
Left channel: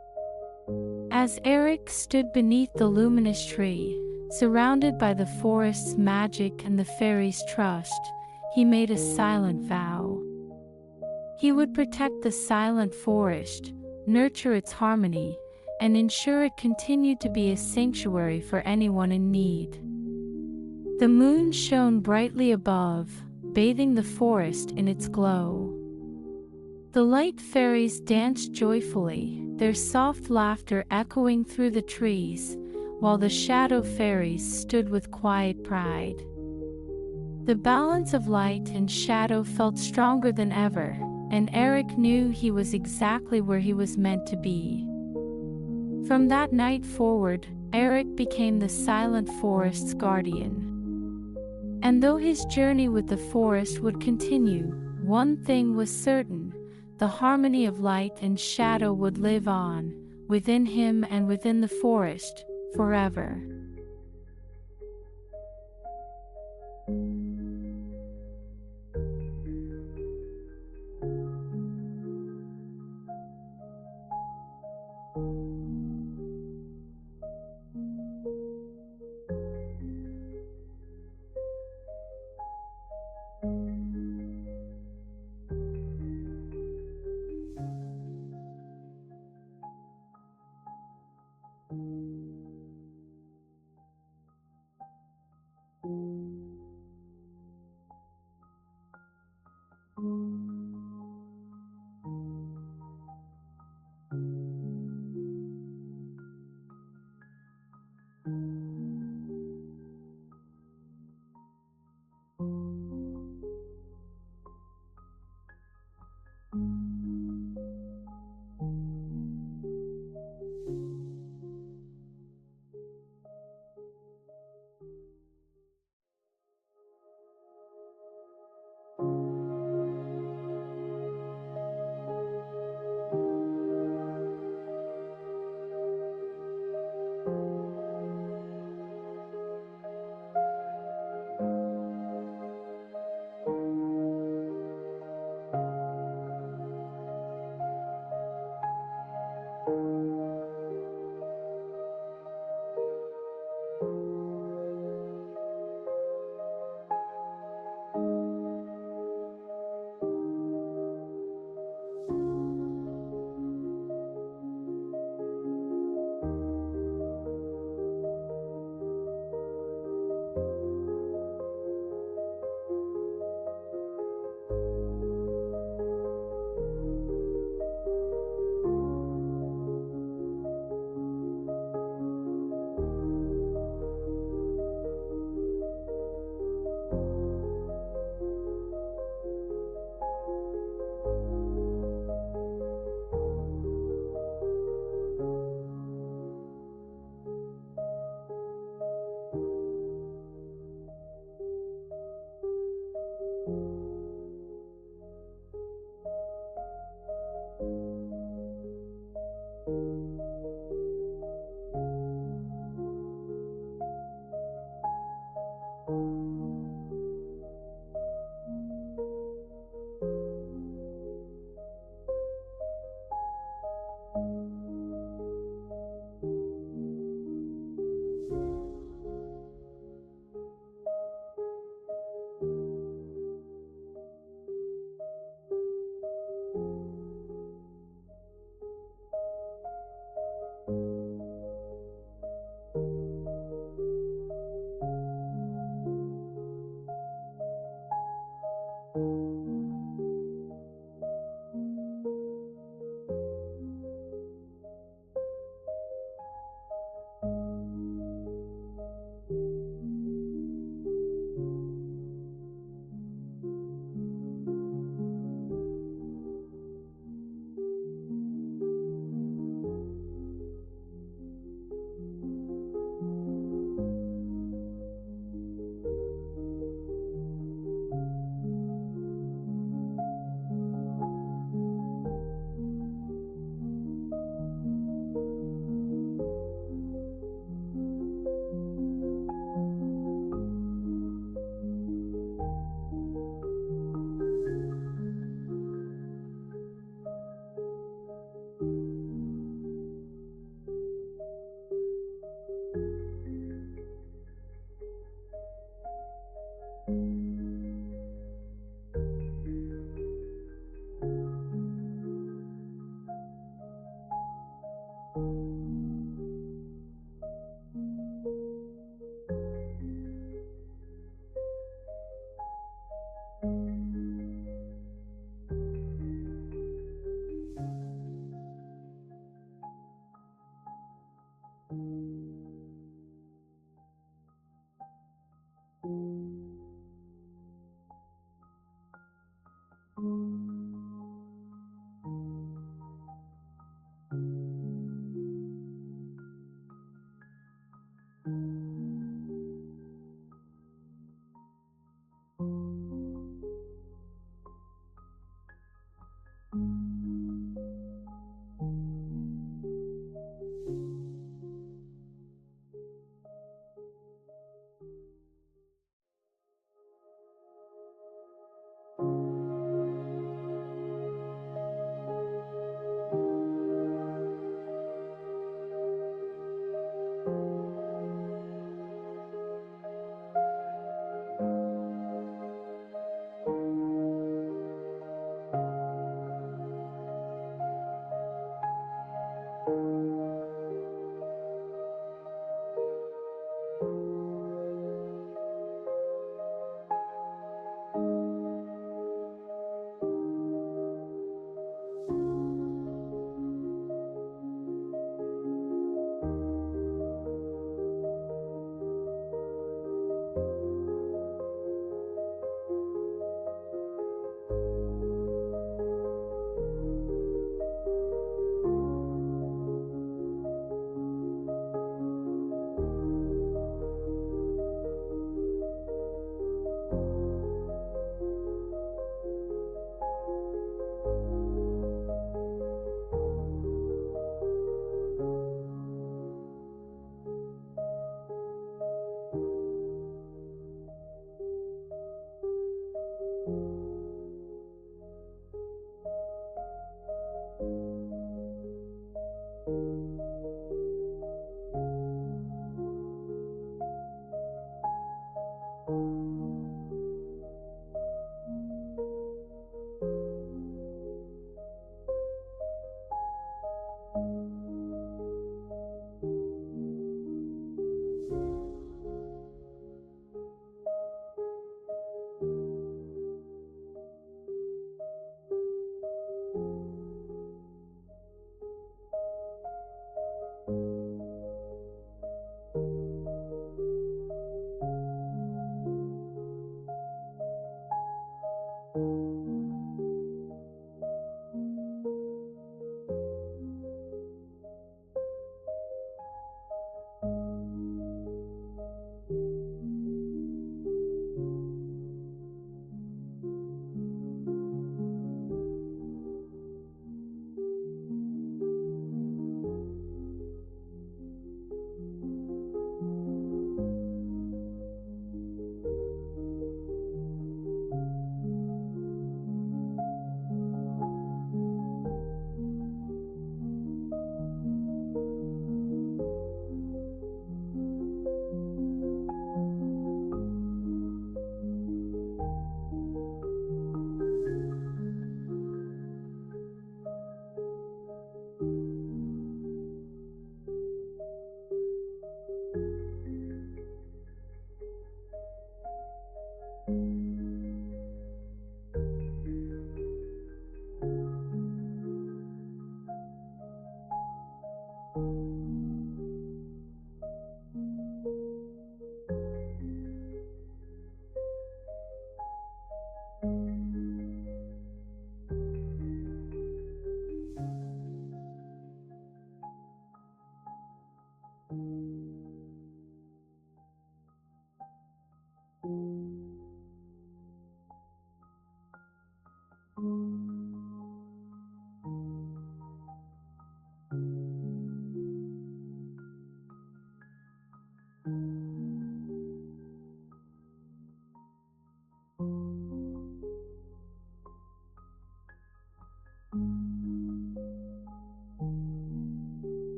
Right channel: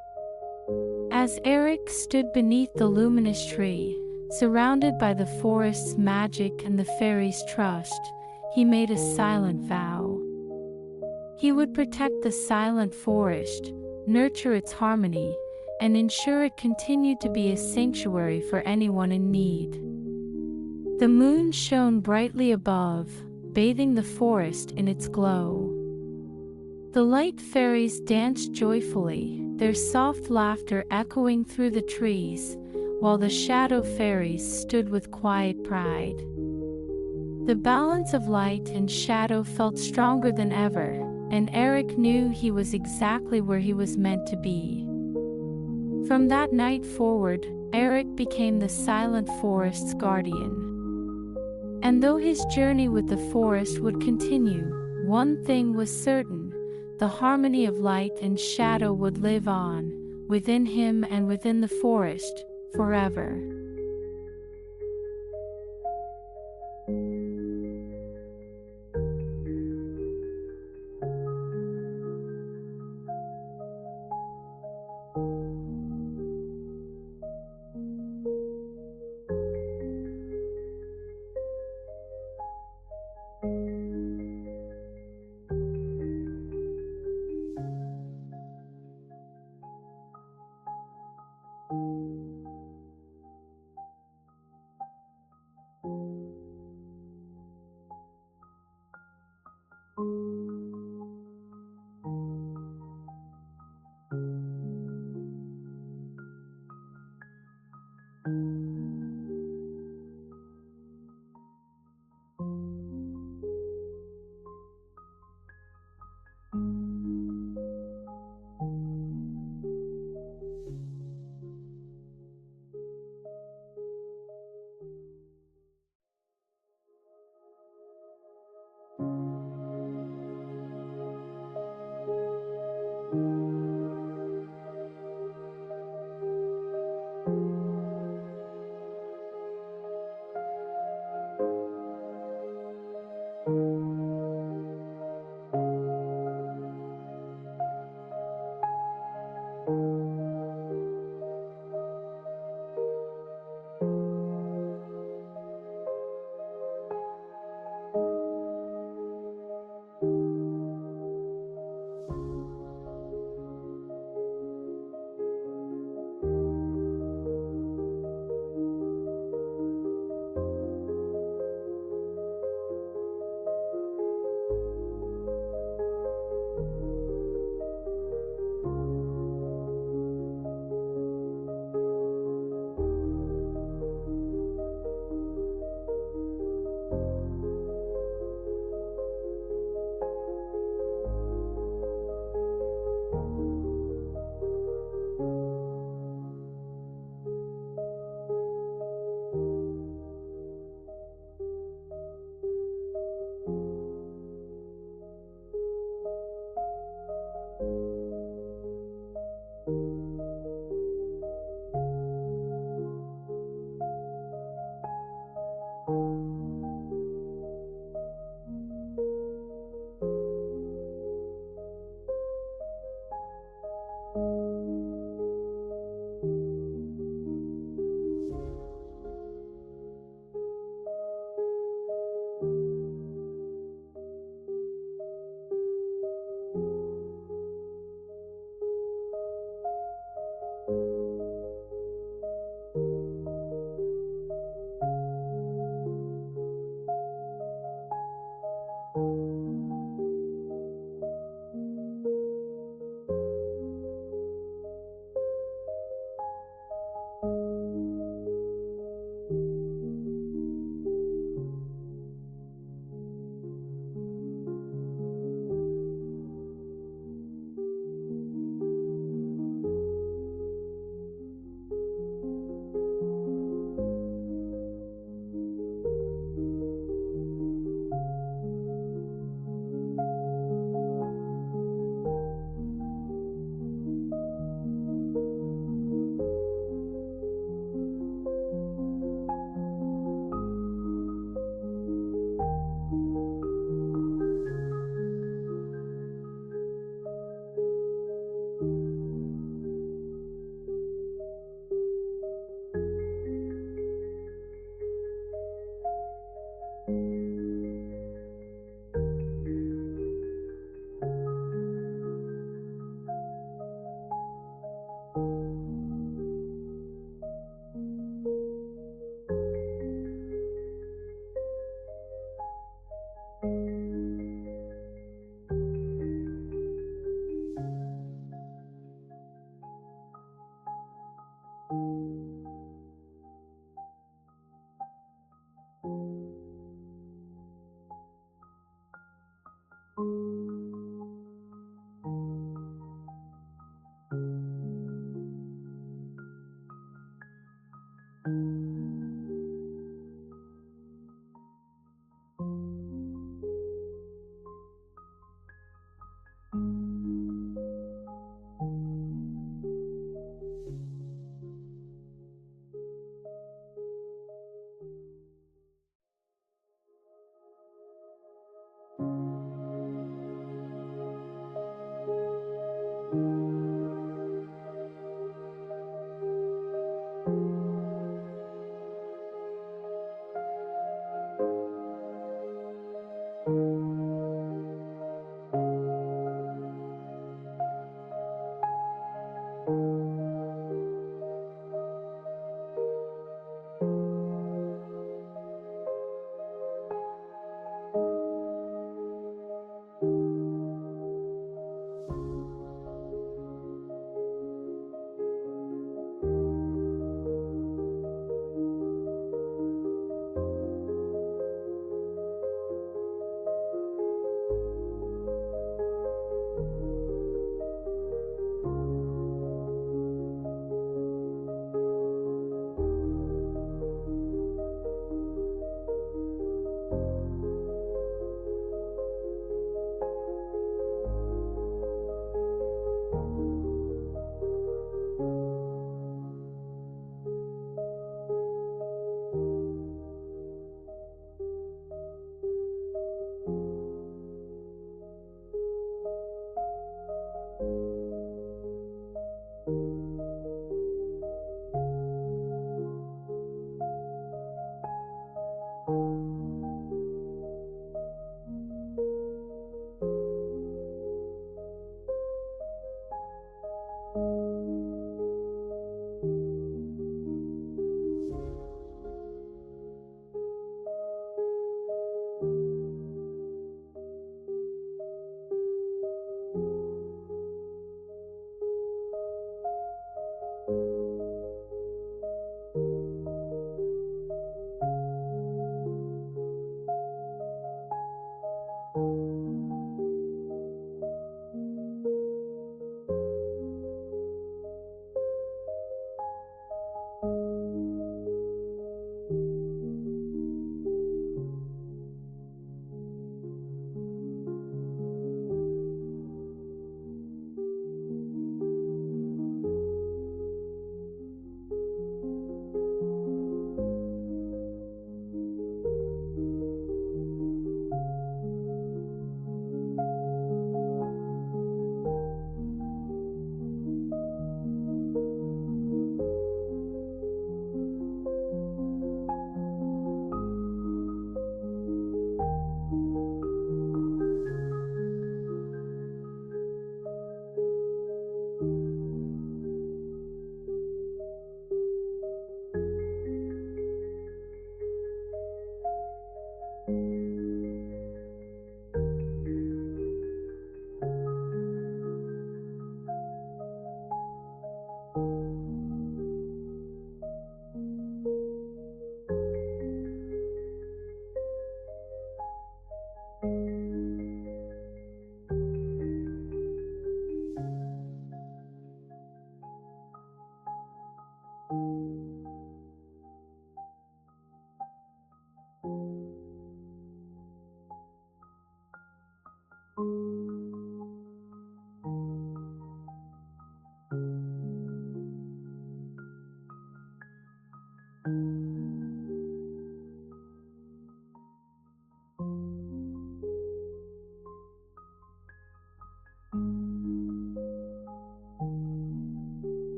As Eric stood beneath the luminous tree, surrounded by the forest's magic and the fairies' trust, he made a silent vow. He would protect the silent forest, nurture its harmony, and ensure it continued to be a sanctuary for anyone in need. The moon shone brightly above, bathing the forest in its glow. The light fairies danced joyfully, their soft laughter echoing through the trees, while the shadow fairies stood with quiet pride. The balance of light and shadow felt stronger than ever, and Eric knew he was exactly where he was meant to be. From that night forward, Eric became the silent forest's guardian. And though his journey with the forest would continue, one thing was certain: the harmony of light and shadow would live on, within him and within the forest, forever.